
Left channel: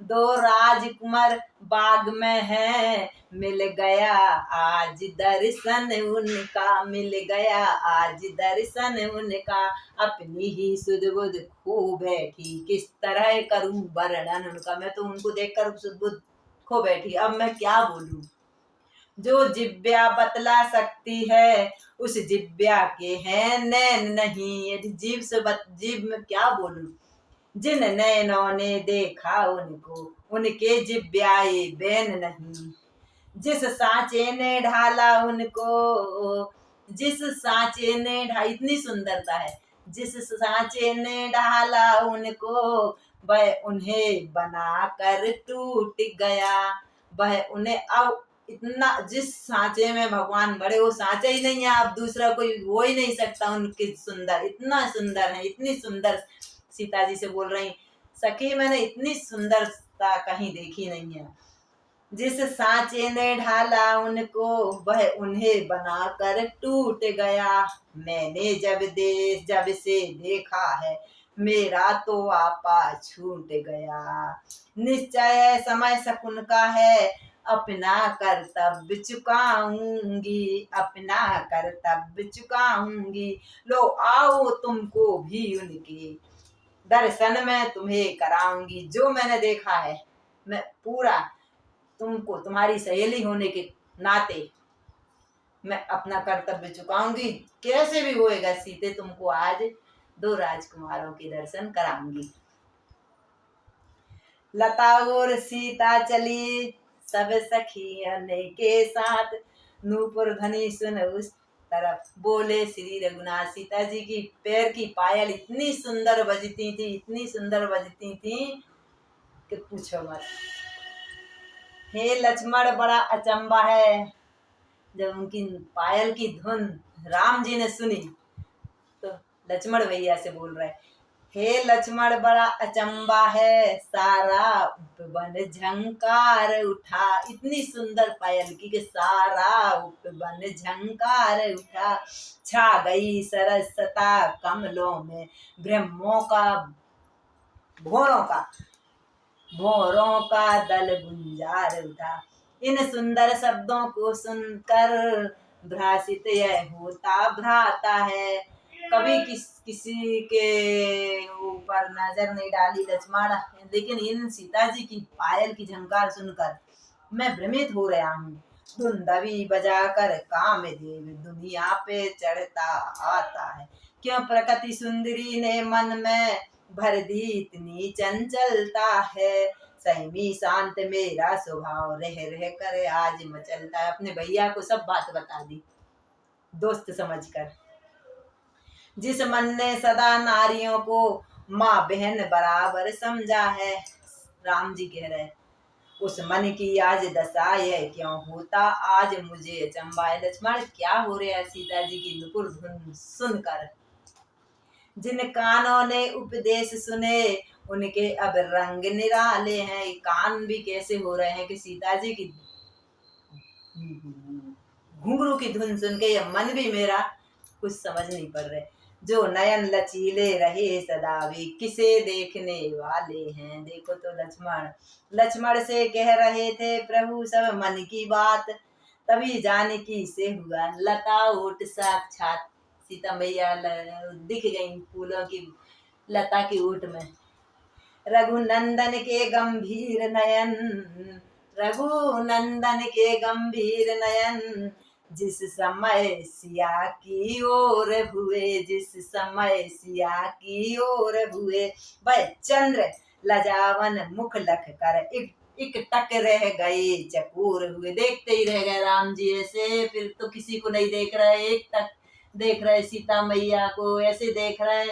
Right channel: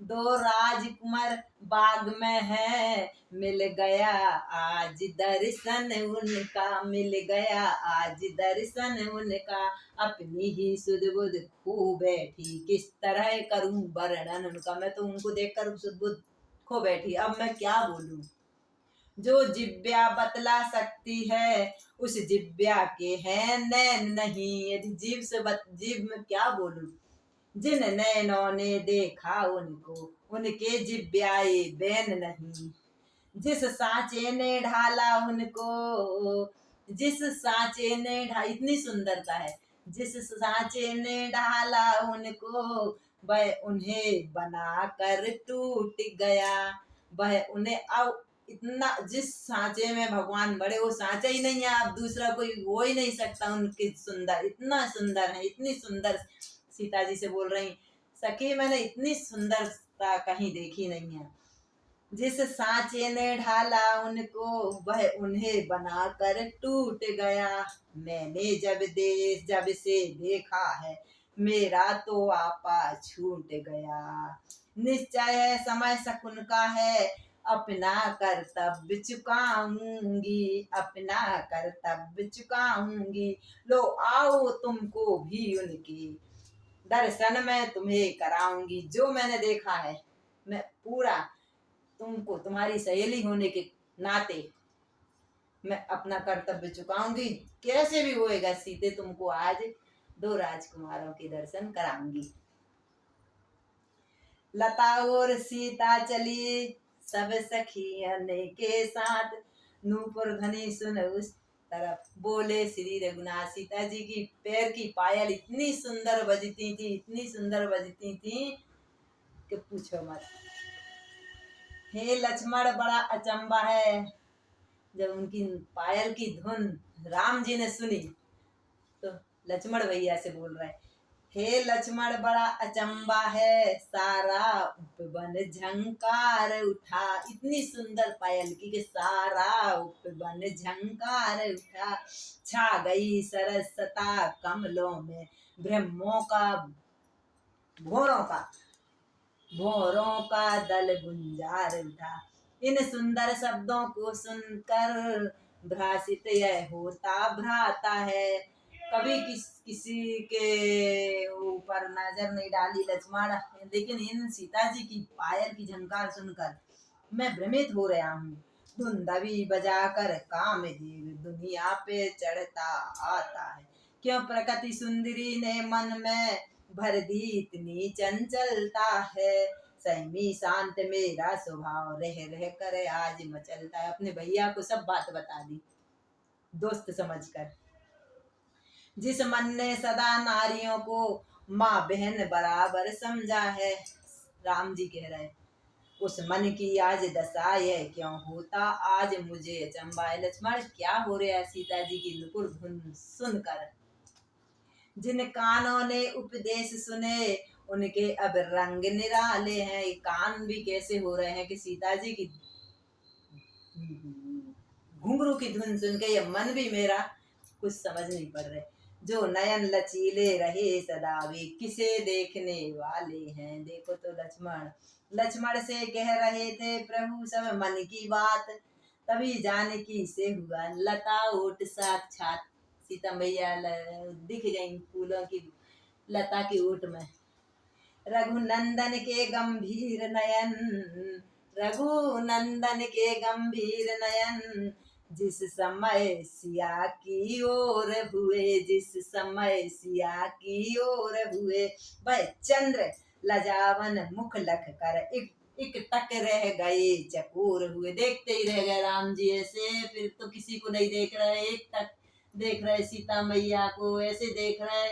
दो राजकुमार बाग में है, मिल गया आज दर्शन उनका, मिल गया आज दर्शन उनका, अपनी ही सुध बुध खो बैठी, किस तरह करूं वर्णन उनका। मैं तो उनको देखकर सुध बुध खो बैठी, अब मैं क्या बोलूं। जो जिब्या बतला सकती है उस जिब्या के हैं नैन नहीं, यदि जीव से जीव में क्या बोलूं। जिन नैनों ने देखा उनको उनके जिब्याए बैन नहीं, जिस सांचे ने ढाला उनको, जिस सांचे ने इतनी सुंदरता है, जिस सांचे ने ढाला उनको वह उन्हें बना कर टूट गया, वह उन्हें अब इतना जिस सांचे में भगवान भरे वो सांचा ही नहीं है, आप दूसरा कोई हो ही नहीं सकता उनके सुंदर, इतना सुंदर है, इतनी सुंदर। सीता जी से बोल रही, सखी मैंने इतनी सुंदरता कहीं देखी नहीं है। जिस सांचे ने ढाला उनको वह उन्हें बनाकर टूट गया। मैंने जब से देखा है मेरा तो आपा छूट गया। निश्चय समय शकुन का है अपना कर्तव्य चुकाऊंगी, अपना कर्तव्य चुकाऊंगी। लो आओ तुमको भी उनके दर्शन में तुम्हें कराऊंगी। जो मैंने देखा है मैं पूरा तुमको तुम्हारी सहेली होने के नाते मैं अपना कर्तव्य चुकाऊंगी। कैसे भी होएगा सीते, तुमको आज 2 राजकुमारों के दर्शन कराऊंगी। लता और सीता चली सब सखियन के साथ, नूपुर ध्वनि सुन उस तरफ बोले श्री रघुनाथ। सीता जी की पैर की पायल इतनी सुंदर बजती थी, इतनी सुंदर बजती थी कि पूछो मत। हे लक्ष्मण बड़ा अचंबा है। जब उनकी पायल की धुन राम जी ने सुनी तो लक्ष्मण भैया से बोल रहे, हे लक्ष्मण बड़ा अचंबा है, सारा उपवन झंकार उठा। इतनी सुंदर पायल की कि सारा उपवन झंकार उठा। छा गई सरसता कमलों में ब्रह्मों का भोरों का दल गुंजार उठा। इन सुंदर शब्दों को सुनकर भ्रासित यह होता भ्राता है। कभी किसी के ऊपर नजर नहीं डाली लक्ष्मण, लेकिन इन सीता जी की पायल की झंकार सुनकर मैं भ्रमित हो रहा हूँ। धुंधवी बजाकर कामदेव दुनिया पे चढ़ता आता है। क्यों प्रकृति सुंदरी ने मन में भर दी इतनी चंचलता है। संयमी शांत मेरा स्वभाव रह रह कर आज मचलता है। अपने भैया को सब बात बता दी दोस्त समझकर। जिस मन ने सदा नारियों को माँ बहन बराबर समझा है, राम जी कह रहे, उस मन की आज दशा यह क्यों होता आज मुझे अचंबा है। लक्ष्मण क्या हो रहा है सीता जी की नुपुर धुन सुनकर। जिन कानों ने उपदेश सुने उनके अब रंग निराले हैं। कान भी कैसे हो रहे हैं कि सीता जी की घुंघरू की धुन सुन के ये मन भी मेरा कुछ समझ नहीं पड़ रहे। जो नयन लचीले रहे सदा वे किसे देखने वाले हैं। देखो तो लक्ष्मण से कह रहे थे प्रभु सब मन की बात, तभी जानकी से हुआ लता ओट साक्षात। सीता मैया दिख गई फूलों की लता की ओट में। रघुनंदन के गंभीर नयन, रघुनंदन के गंभीर नयन, जिस समय सिया की ओर हुए, जिस समय सिया की ओर हुए, वह चंद्र लजावन मुख लख कर एक टक रह गए चकोर हुए। देखते ही रह गए राम जी ऐसे, फिर तो किसी को नहीं देख रहे, एक टक देख रहे सीता मैया को, ऐसे देख रहे।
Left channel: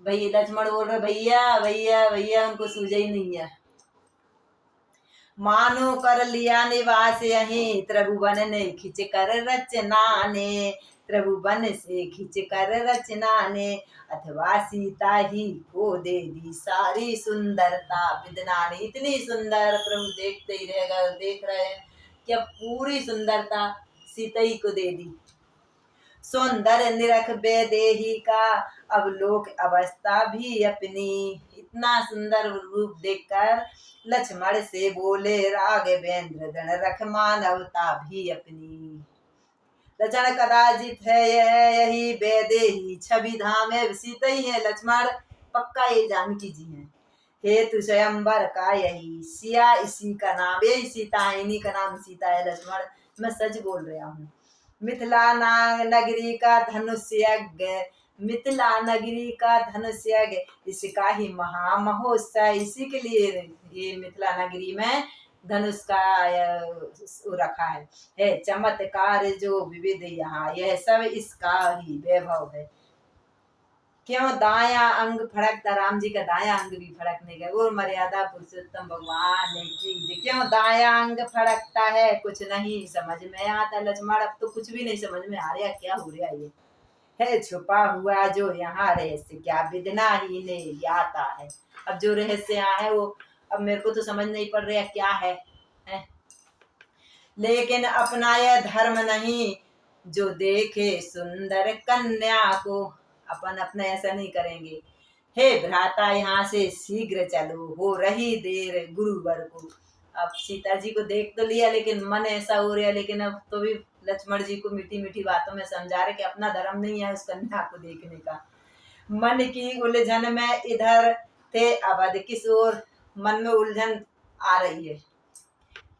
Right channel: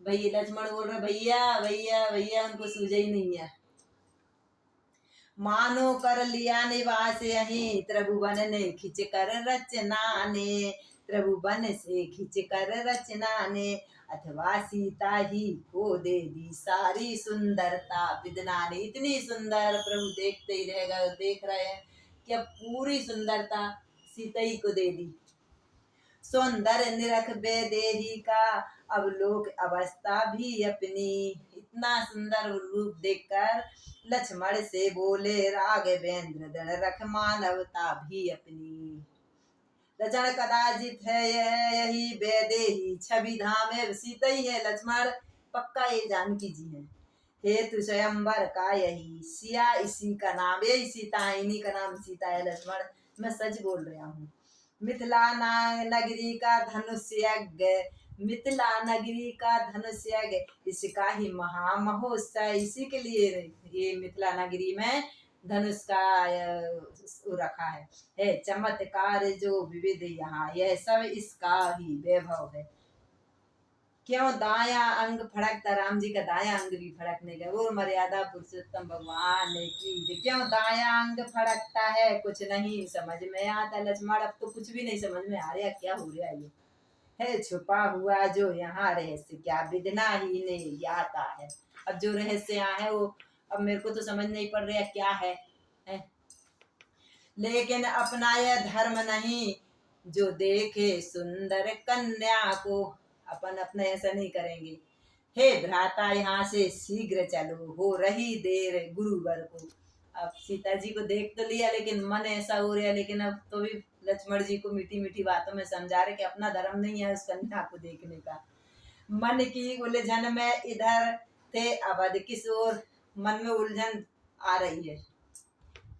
भैया लक्ष्मण बोल रहे भैया भैया भैया, उनको सूझे ही नहीं है। मानो कर लिया निवास यहीं, त्रिभुवन ने खिंच कर रचना ने, त्रिभुवन से खिंच कर रचना ने, अथवा सीता ही को दे दी सारी सुंदरता विदना ने। इतनी सुंदर प्रभु देखते ही रह गए, देख रहे हैं कि अब पूरी सुंदरता सीता ही को दे दी। सौंदर्य निरख बेदेही का अब लोक अवस्था भी अपनी। इतना सुंदर रूप देखकर लक्ष्मण से बोले राघवेंद्र दृढ़ रख मानवता भी अपनी। लक्ष्मण कदाचित है यही बेदेही छवि धाम है। सीता ही है लक्ष्मण, पक्का ये जानकी जी है। हेतु स्वयंवर का यही सिया, इसी का नाम, यही सीता है, इन्हीं का नाम सीता है। लक्ष्मण मैं सच बोल रहा हूँ। मिथिला नगरी का धनुष्यज्ञ, मिथिला नगरी का धनुष्यज्ञ, इसका ही महामहोत्सव। इसी के लिए ये मिथिला नगरी में धनुष का रखा है चमत्कार जो विविध यहाँ, यह सब इसका ही वैभव है। क्यों दाया अंग फड़कता, राम जी का दाया अंग भी फड़कने का, वो मर्यादा पुरुषोत्तम भगवान की। क्यों दाया अंग फड़कता है, कुछ नहीं समझ में आता लक्ष्मण, अब तो कुछ भी नहीं समझ में आ रहा क्या हो रहा ये है। छुपा हुआ जो यहाँ रहस्य, क्या विदना ही ने आता है। अब जो रहस्य यहाँ है वो अब मेरे को तो समझ नहीं पड़ रहा क्या है? लेकिन अपना यह धर्म नहीं, जो देखे सुंदर कन्या को। अपन अपने ऐसा नहीं करेंगे। हे भ्राता यहाँ से शीघ्र चलो, हो रही देर गुरुवर को। अब सीता जी को देख तो लिया, लेकिन मन ऐसा हो रहा, लेकिन अब तो भी लक्ष्मण जी को मीठी मीठी बातों में समझा रहे कि अपना धर्म नहीं है उस कन्या को देखने का। मन की उलझन में इधर थे अवध किशोर, मन में उलझन आ रही है।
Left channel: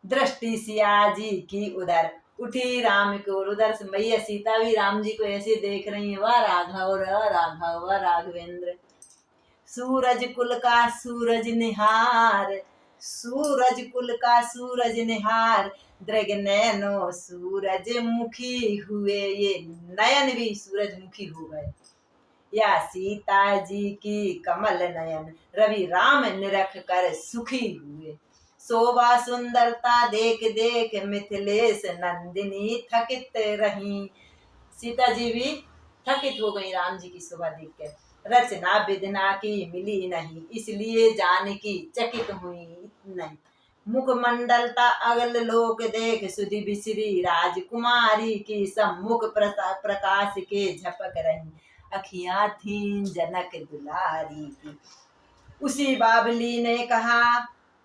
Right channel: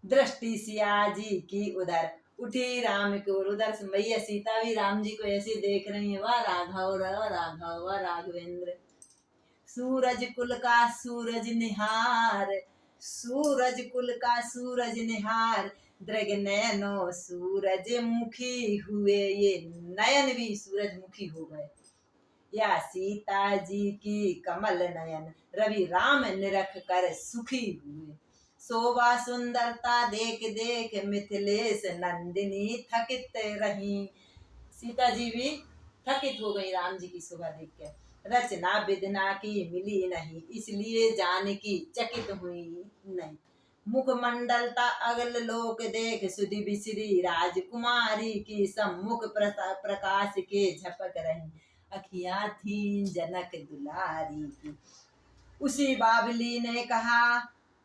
दृष्टि सिया जी की उधर उठी राम की ओर, उधर से मैया सीता भी राम जी को ऐसे देख रही है, वाह राघव राघव वाह राघवेंद्र। सूरज कुल का सूरज निहार, सूरज कुल का सूरज निहार, दृग नैनो सूरज मुखी हुए। ये नयन भी सूरजमुखी हो गए। या सीता जी की कमल नयन, रवि राम निरख कर सुखी हुए। शोभा सुंदरता देख देख मिथिलेश नंदिनी थकित रही। सीता जी भी थकित हो गई राम जी की शोभा देख कर। रचना विधना की मिली नहीं, इसलिए जानकी चकित हुई नहीं। मुखमंडलता अगल लोक देख, सुधि बिसरी राजकुमारी की। सम्मुख प्रकाश के झपक रही, अखियां थी जनक दुलारी की। उसी बाबली ने कहा,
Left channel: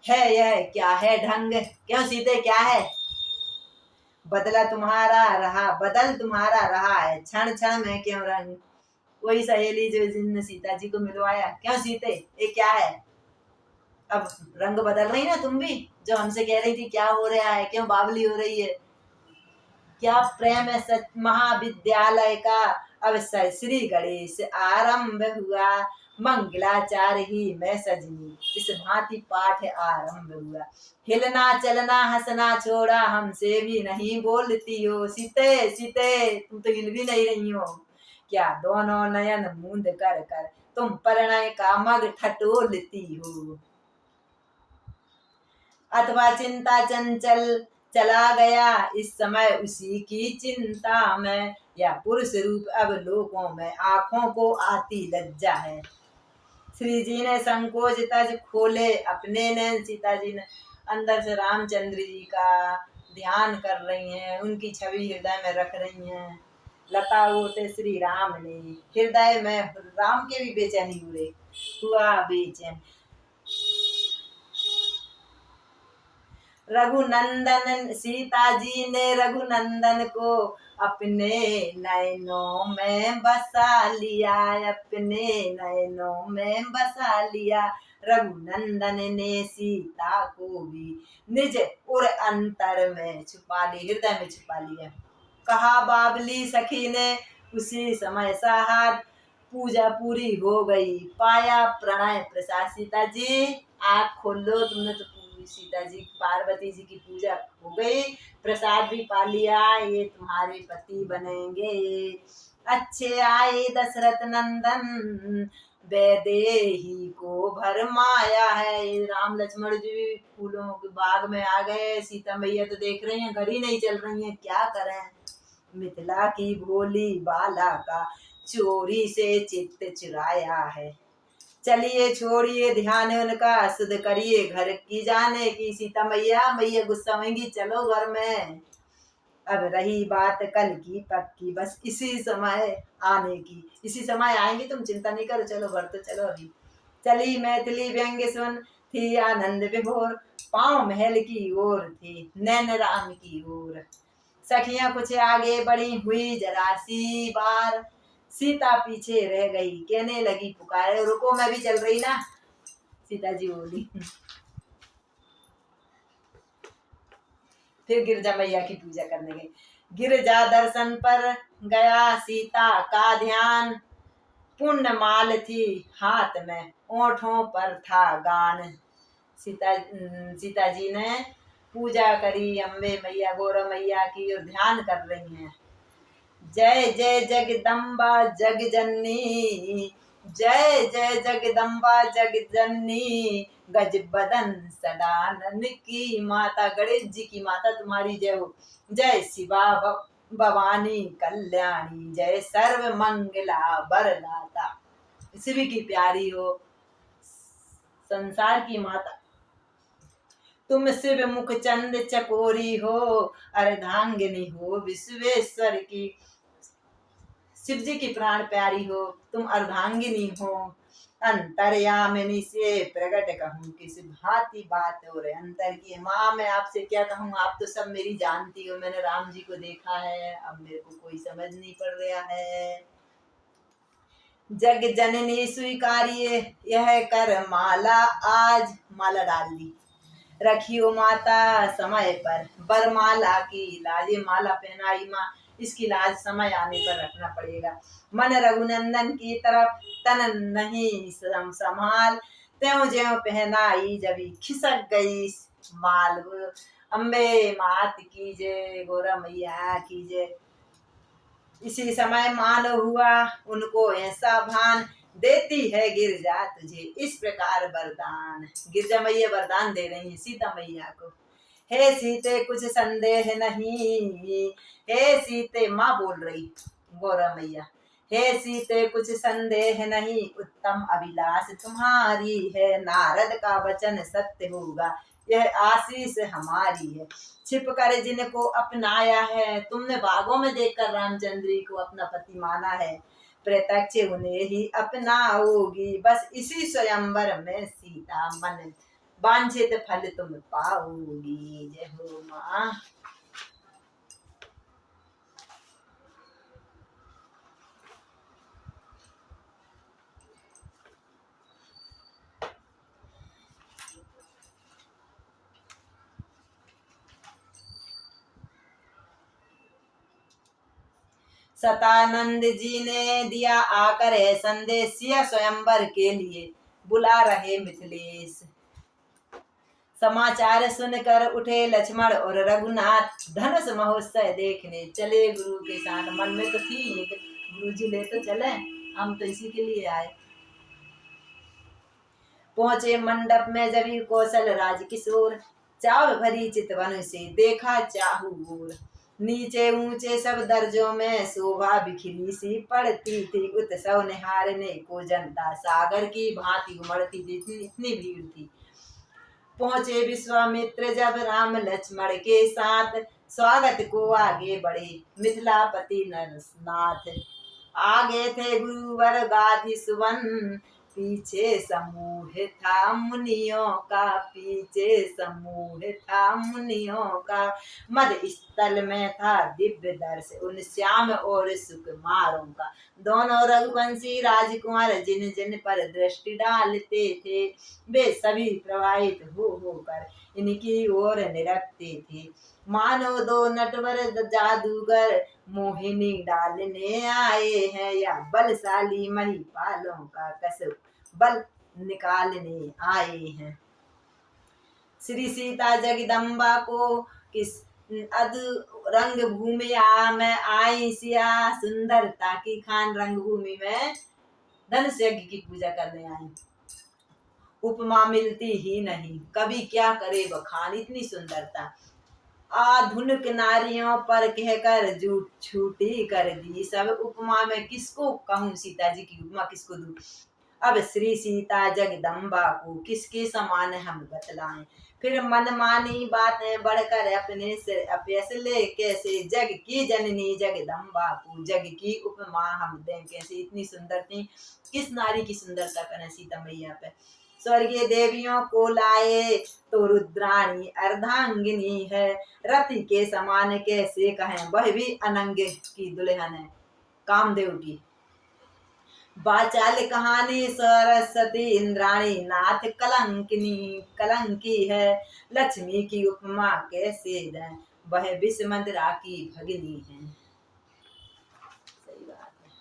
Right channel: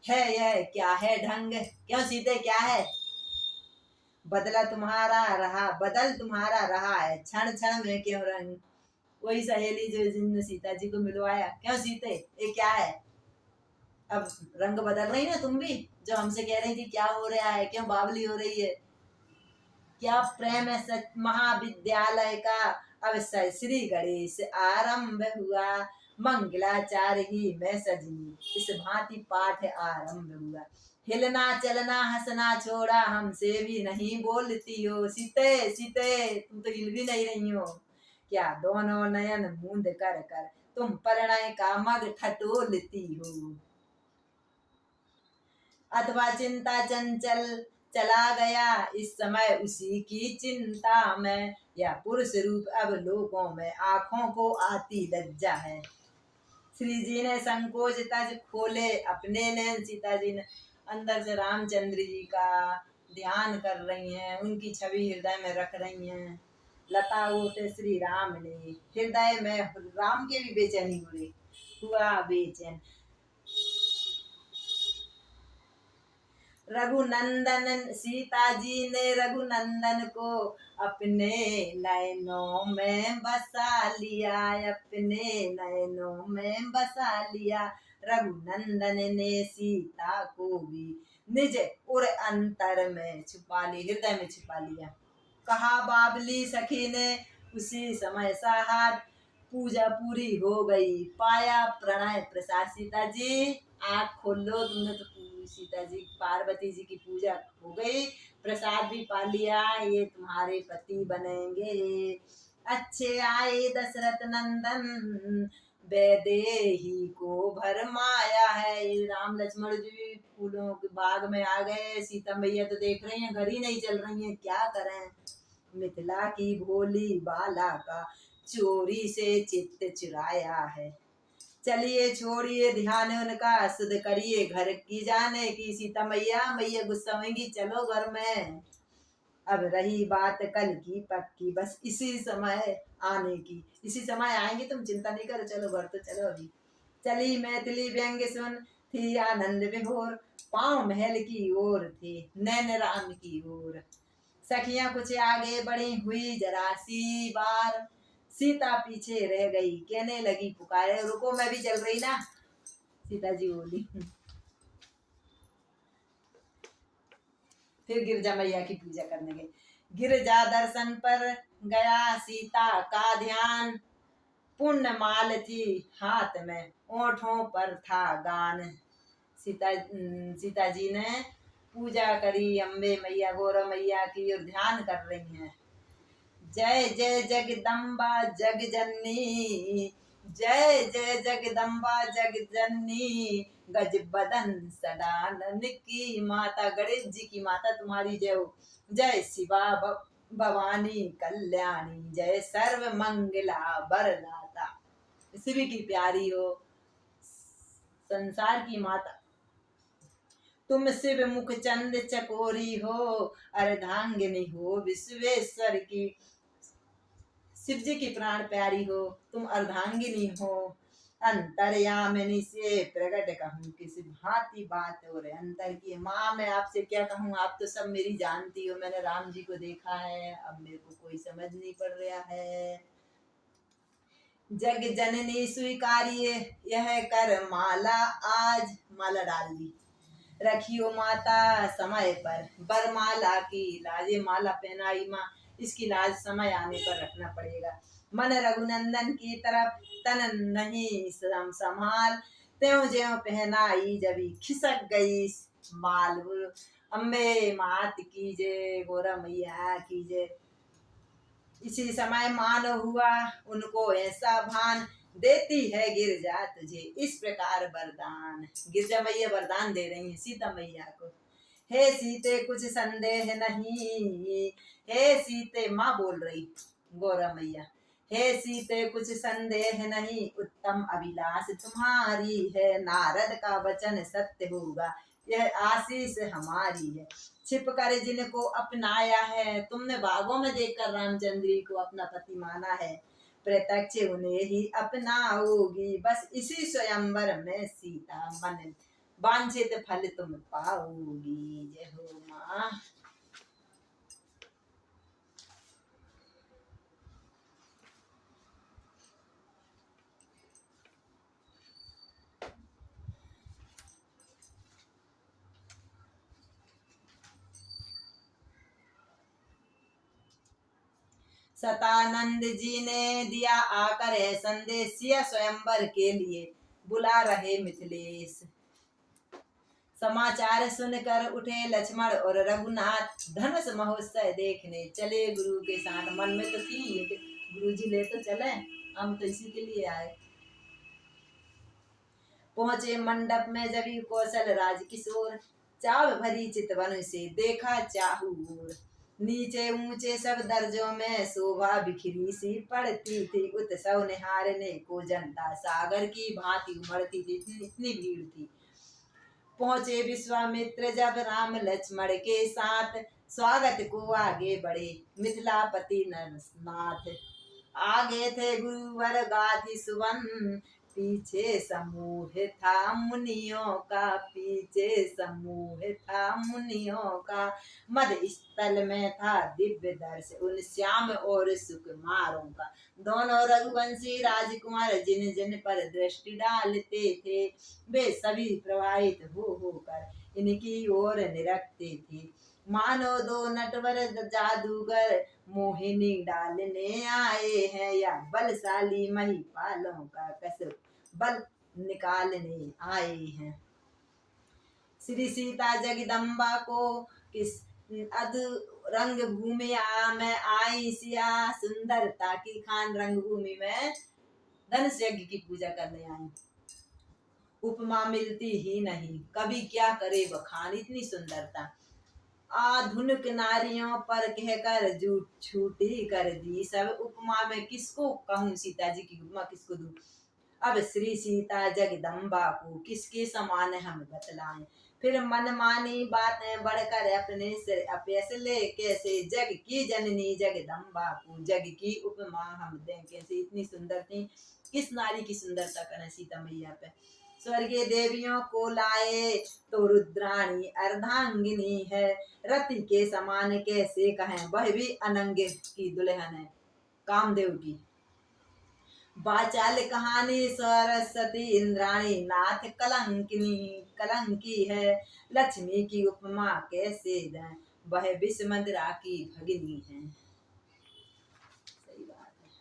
है यह क्या है ढंग, क्यों सीते क्या है? बदला तुम्हारा रहा, बदल तुम्हारा रहा है, क्षण क्षण में क्यों रंग। वही सहेली जो जिनने सीता जी को मिलवाया, क्यों सीते ये क्या है? अब रंग बदल रही ना तुम भी, जो हमसे कह रही थी क्या हो रहा है, क्यों बावली हो रही है? क्या प्रेम है सच महाविद्यालय का, अवसर श्री गणेश आरंभ हुआ। मंगलाचार ही मैं सजनी, इस भांति पाठ आरंभ हुआ। हिलना चलना हंसना छोड़ा, हमसे भी नहीं बोलती हो। सीते सीते तुम तो हिल भी नहीं रही हो, क्या दोनों नयन मूंद कर कर तुम परिणय का मग ठटोलती हो। अथवा चिंता चंचल चला गया इस समय उसी की चिंता में, या पुरुष रूप अब लोगों में आंखों को आती लज्जा है। श्री जी ने संकोच तज खोले अपने नैन, सीता जी ने अंदर से रामचंद्र जी का ध्यान कर रही हैं, उनकी छवि हृदय में रख रही हैं। लता होते श्री राम ने हृदय में, राम के भी बेचैनी हुआ बेचैन। रघुनंदन सीता जी ने रघुनंदन को अपने नयनों में बसा लिया, अपने नयनों में बसा लिया। रघुनंदन ने सीता को भी निज उर अंतर में छुपा ली, हृदय में छुपा लिया। कहा बाबली सखी ने उसी समय साहब, पूजा पूरी हो गई पाया प्रणय प्रसाद। सीता जी आँख खोल लो, तुमने तो सीता जी पार्वती जी की पूजा हो गई, प्रसाद भी पा लिया, ये तुम्हारे पति बनेंगे। अच्छे आए दशरथ नंदन, वैदेही को भरमाया है। ये राम लक्ष्मण जी फूलों के बाग में आ गए, सीता मैया तो देख रही हैं घर ही नहीं चल रही हैं, क्या करें। मिथिला की भोली बाला का चोरी से चित्त चुराया है। चलिए छोड़िए ध्यान उनका, सुध करिए घर की जाने की। सीता मैया मैया गुस्सा होंगी, चलो घर में। अब रही बात कल की पक्की, बस इसी समय आने की, इसी समय आएंगी, तुम चिंता नहीं करो, चलो घर तो चलो अभी। चली मैथिली व्यंग्य सुन थी आनंद विभोर, पाँव महल की ओर थी नैन राम की ओर। सखियां कुछ आगे बढ़ी हुई जरा सी बार, सीता पीछे रह गई कहने लगी पुकारे, रुको मैं भी चल रही ना। सीता जी बोली। फिर गिरजा मैया की पूजा करने गई। गिरजा दर्शन पर गया सीता का ध्यान, पुण्य माल थी हाथ में ओठों पर था गान। सीता जी ने पूजा करी अम्बे मैया गौरव मैया की और ध्यान कर रही हैं। जय जय जगदम्बा जग जननी, जय जय जगदम्बा जगजननी, गज बदन सडानन की माता, गणेश जी की माता तुम्हारी जय हो। जय शिवा भवानी कल्याणी, जय सर्व मंगला वरदाता, शिव की प्यारी हो, संसार की माता तुम, शिव मुख चंद चकोरी हो, अर्धांगिनी हो विश्वेश्वर की, शिव जी की प्राण प्यारी हो, तुम अर्धांगिनी हो, अंतर्यामिनी से प्रकट कहूँ किस भांति बात और अंतर की। माँ मैं आपसे क्या कहूँ, आप तो सब मेरी जानती हो, मैंने राम जी को देखा है, अब मेरे को कोई समझ नहीं पड़ रहा है। जग जननी स्वीकारिए यह कर माला, आज माला डाल दी, रखियो माता समय पर बरमाला की लाज, माला पहनाई माँ, इसकी लाज समय आने पर रखना पड़ेगा। मन रघुनंदन की तरफ तन नहीं संभाल, त्यों ज्यों पहनाई जबी खिसक गई माल। अम्बे मात की जय, गौरा मैया की जय। इसी समय मानो हुआ उनको ऐसा भान, देती है गिरजा तुझे इस प्रकार वरदान। गिरजा मैया वरदान दे रही है सीता मैया को। हे सीते कुछ संदेह नहीं, हे सीते माँ बोल रही गौरा मैया, हे सीते कुछ संदेह नहीं, उत्तम अभिलाष तुम्हारी है, नारद का वचन सत्य होगा, यह आशीष हमारी है। छिप कर जिनको अपनाया है, तुमने बागों में देखकर रामचंद्र जी को अपना पति माना है, प्रत्यक्ष उन्हें ही अपनाओगी, बस इसी स्वयंवर में सीता मन वांछित फल तुम पाओगी। जय हो माँ। सतानंद जी ने दिया आकर है संदेश, सिया स्वयंवर के लिए बुला रहे मिथिलेश। समाचार सुनकर उठे लक्ष्मण और रघुनाथ, धनुष महोत्सव देखने चले गुरु के साथ। मन में तो थी गुरु जी ले तो चले, हम तो इसी के लिए आए। पहुंचे मंडप में जबी कौशल राज किशोर, चाव भरी चितवन से देखा चाहू गोर। नीचे ऊंचे सब दर्जों में शोभा बिखरी सी पड़ती थी, उत्सव निहारने को जनता सागर की भांति उमड़ती थी, इतनी भीड़ थी। पहुंचे विश्वामित्र जब राम लक्ष्मण के साथ, स्वागत को आगे बढ़े मिथिलापति नरनाथ। आगे थे गुरुवर गाधि सुवन, पीछे समूह था मुनियों का, पीछे समूह था मुनियों का। मध्य स्थल में था दिव्य दर्श उन श्याम और सुकुमारों का। दोनों रघुवंशी राजकुमार जिन जिन पर दृष्टि डालते थे, वे सभी प्रवाहित होकर इनकी ओर निरखते थे। मानो दो नटवर जादूगर मोहिनी डालने आए हैं, या बलशाली महिपालों का कसब बल निकालने आए हैं। श्री सीता जगदम्बा को किस अद रंग भूमि में आई सिया, सुंदरता की खान रंग भूमि में धनुष यज्ञ की पूजा करने आई। उपमा मिलती ही नहीं, कभी क्या करे बखान इतनी सुंदरता। आधुनिक नारियों पर कहकर झूठ छूटी कर दी सब, उपमा में किसको कहूँ सीता जी की उपमा किसको दूं। अब श्री सीता जगदम्बा को किसके समान हम बतलाएं, फिर मनमानी बातें बढ़कर अपने सिर फैसले कैसे। जग की जननी जगदम्बा को जग की उपमा हम दें कैसे, इतनी सुंदर थी। किस नारी की सुंदरता करें सीता मैया पे। स्वर्गीय देवियों को लाए तो रुद्राणी अर्धांगिनी है, रति के समान कैसे कहें, वह भी अनंग की दुल्हन है कामदेव की। बाचाल कहानी सरस्वती इंद्राणी नाथ कलंकिनी कलंकी है, लक्ष्मी की उपमा कैसे दें, वह विषमंदरा की भगिनी है। सही बात है।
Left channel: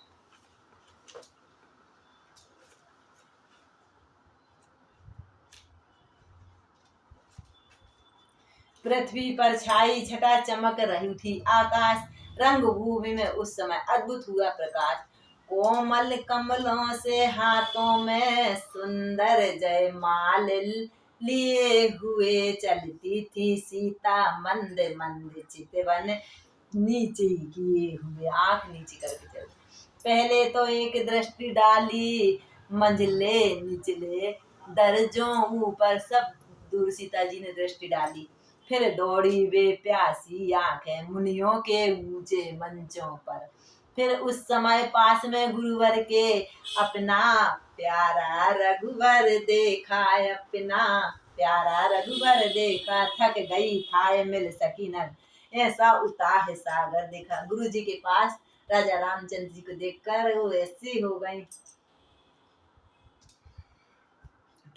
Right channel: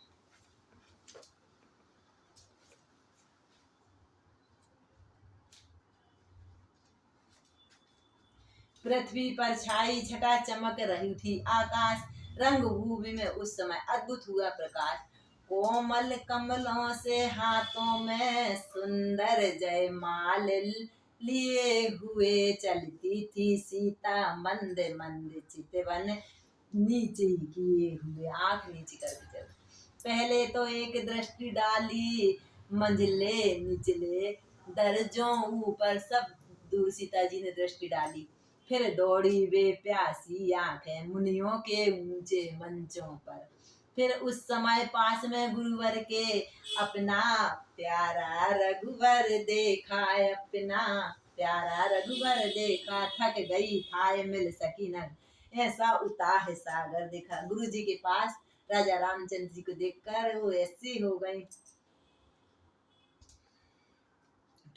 पृथ्वी पर छाई छटा चमक रही थी आकाश, रंग भूमि में उस समय अद्भुत हुआ प्रकाश। कोमल कमलों से हाथों में सुंदर जयमाल लिए हुए चलती थी सीता मंद मंद चितवन नीचे किए हुए, आंख नीचे करके चल। पहले तो एक दृष्टि डाली मंझले निचले दर्जों ऊपर, सब दूर सीता जी ने दृष्टि डाली। फिर दौड़ी वे प्यासी आंखें मुनियों के ऊंचे मंचों पर। फिर उस समय पास में गुरुवर के अपना प्यारा रघुवर देखा, अपना प्यारा रघुवर देखा। थक गई थाय मिल सकी न, ऐसा उताह सागर देखा। गुरु जी के पास राजा रामचंद्र जी को देखकर वो ऐसी हो गई।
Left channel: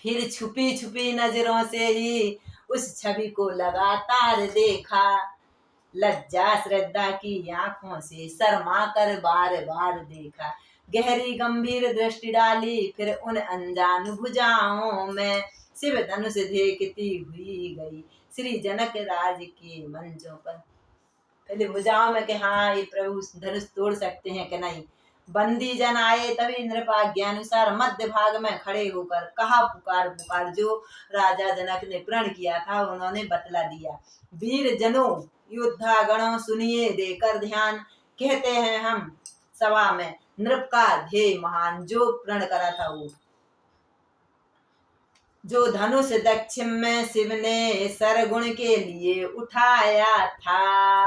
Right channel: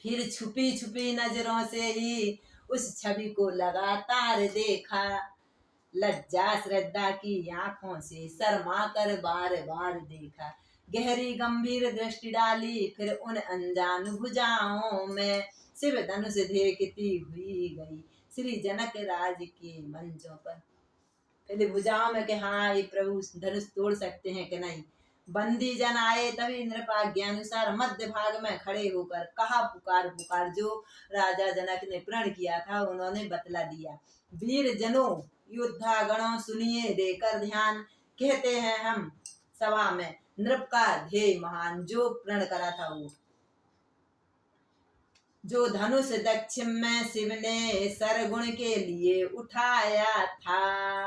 फिर छुपी छुपी नजरों से ही उस छवि को लगातार देखा। लज्जा श्रद्धा की आंखों से शर्मा कर बार बार देखा। गहरी गंभीर दृष्टि डाली फिर उन अनजान भुजाओं में, शिव धनुष देखती हुई गई श्री जनक राज के मंचों पर। पहले भुजाओं में कि हाँ ये प्रभु धनुष तोड़ सकते हैं कि नहीं। बंदी जन आए तभी नृपाज्ञानुसार मध्य भाग में खड़े होकर कहा, पुकार पुकार। जो राजा जनक ने प्रण किया था उन्होंने बतला दिया। वीर जनों योद्धा गणों सुनिए देकर ध्यान, कहते हैं हम सभा में नृप का ध्येय महान। जो प्रण करा था वो, जो धनुष दक्षिण में शिव ने सरगुण के लिए उठाया था।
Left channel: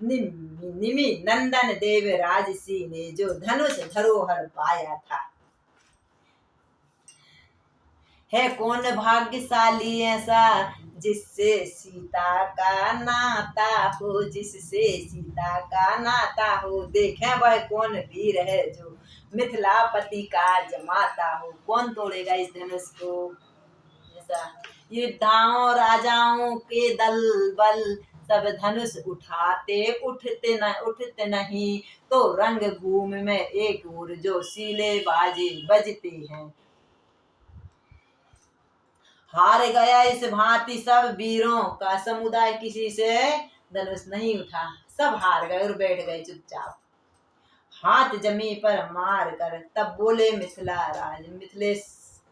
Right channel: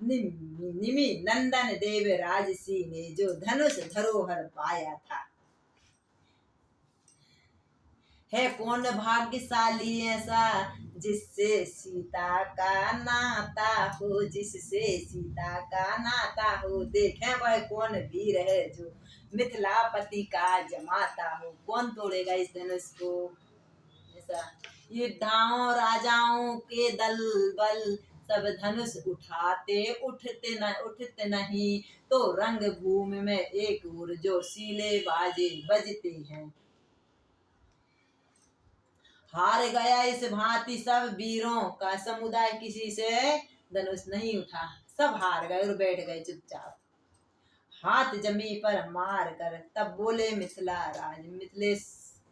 निमि नंदन देव राजसी ने जो धनुष धरोहर पाया था। है कौन भाग्यशाली ऐसा जिससे सीता का नाता हो, जिससे सीता का नाता हो। देखें वह कौन वीर है जो मिथिलापति का जमाता हो। कौन तोड़ेगा इस धनुष को। ऐसा योद्धाओं राजाओं के दल बल सब धनुष उठाते उठते नहीं, तो रंग भूमि में एक ओर जो सीले बाजे बजते हैं। हार गया इस भांति सब वीरों का समुदाय, किसी से धनुष नहीं उठा। सब हार गए और बैठ गए चुपचाप, हाथ जमी पर मार कर। तब बोले मिथिला राज, मिथिलेश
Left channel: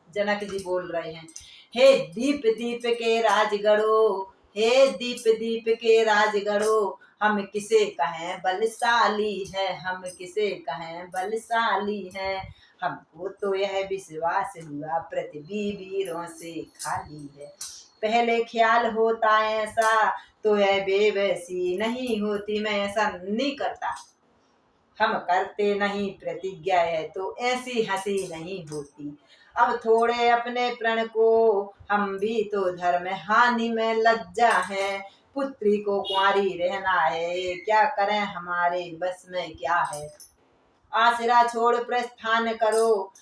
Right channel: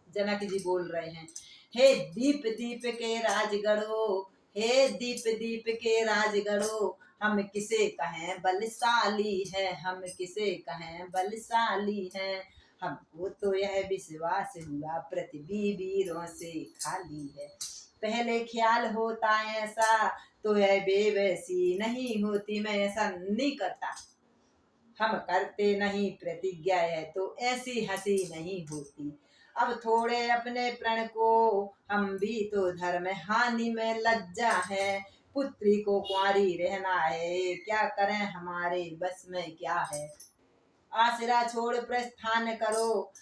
जनक जी बोल रहे हैं, हे दीप दीप के राजगढ़ो, हे दीप दीप के राजगढ़ो। हम किसे कहें बलशाली है, हम किसे कहें बलशाली है। हमको तो यह विश्वास हुआ पृथ्वी वीरों से खाली है। पहले ख्याल होता ऐसा तो यह बेबसी नहीं होती। मैं ऐसा नहीं करता, हम करते नहीं प्रतिज्ञा है तो ऐसी हंसी नहीं होती। अब थोड़े अपने प्रण को हम भी तो धर्म हानि में लज्जा है। पुत्री को कुंवारी रहना है, क्या करें हमारे बस में क्या है। आसरा छोड़ प्रस्थान करो,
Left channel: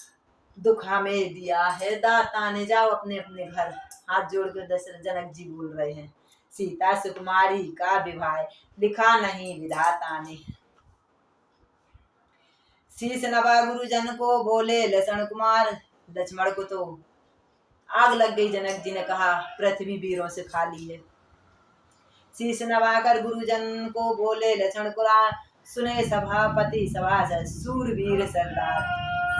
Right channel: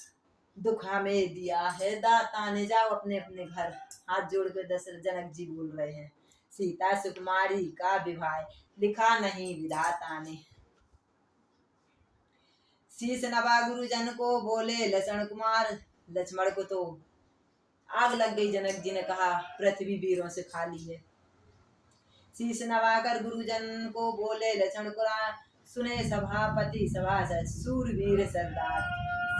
दुख हमें दिया है दाता ने। जाओ अपने अपने घर। हाथ जोड़ कर दशरथ जनक जी बोल रहे हैं, सीता सुकुमारी का विवाह लिखा नहीं विधाता ने। शीश नवा गुरुजन को बोले लक्ष्मण कुमार। लक्ष्मण को तो आग लग गई। जनक जी ने कहा पृथ्वी वीरों से खाली है। शीश नवाकर गुरुजन को बोले लक्ष्मण कुमार, सुने सभापति सभासद सूरवीर सरदार।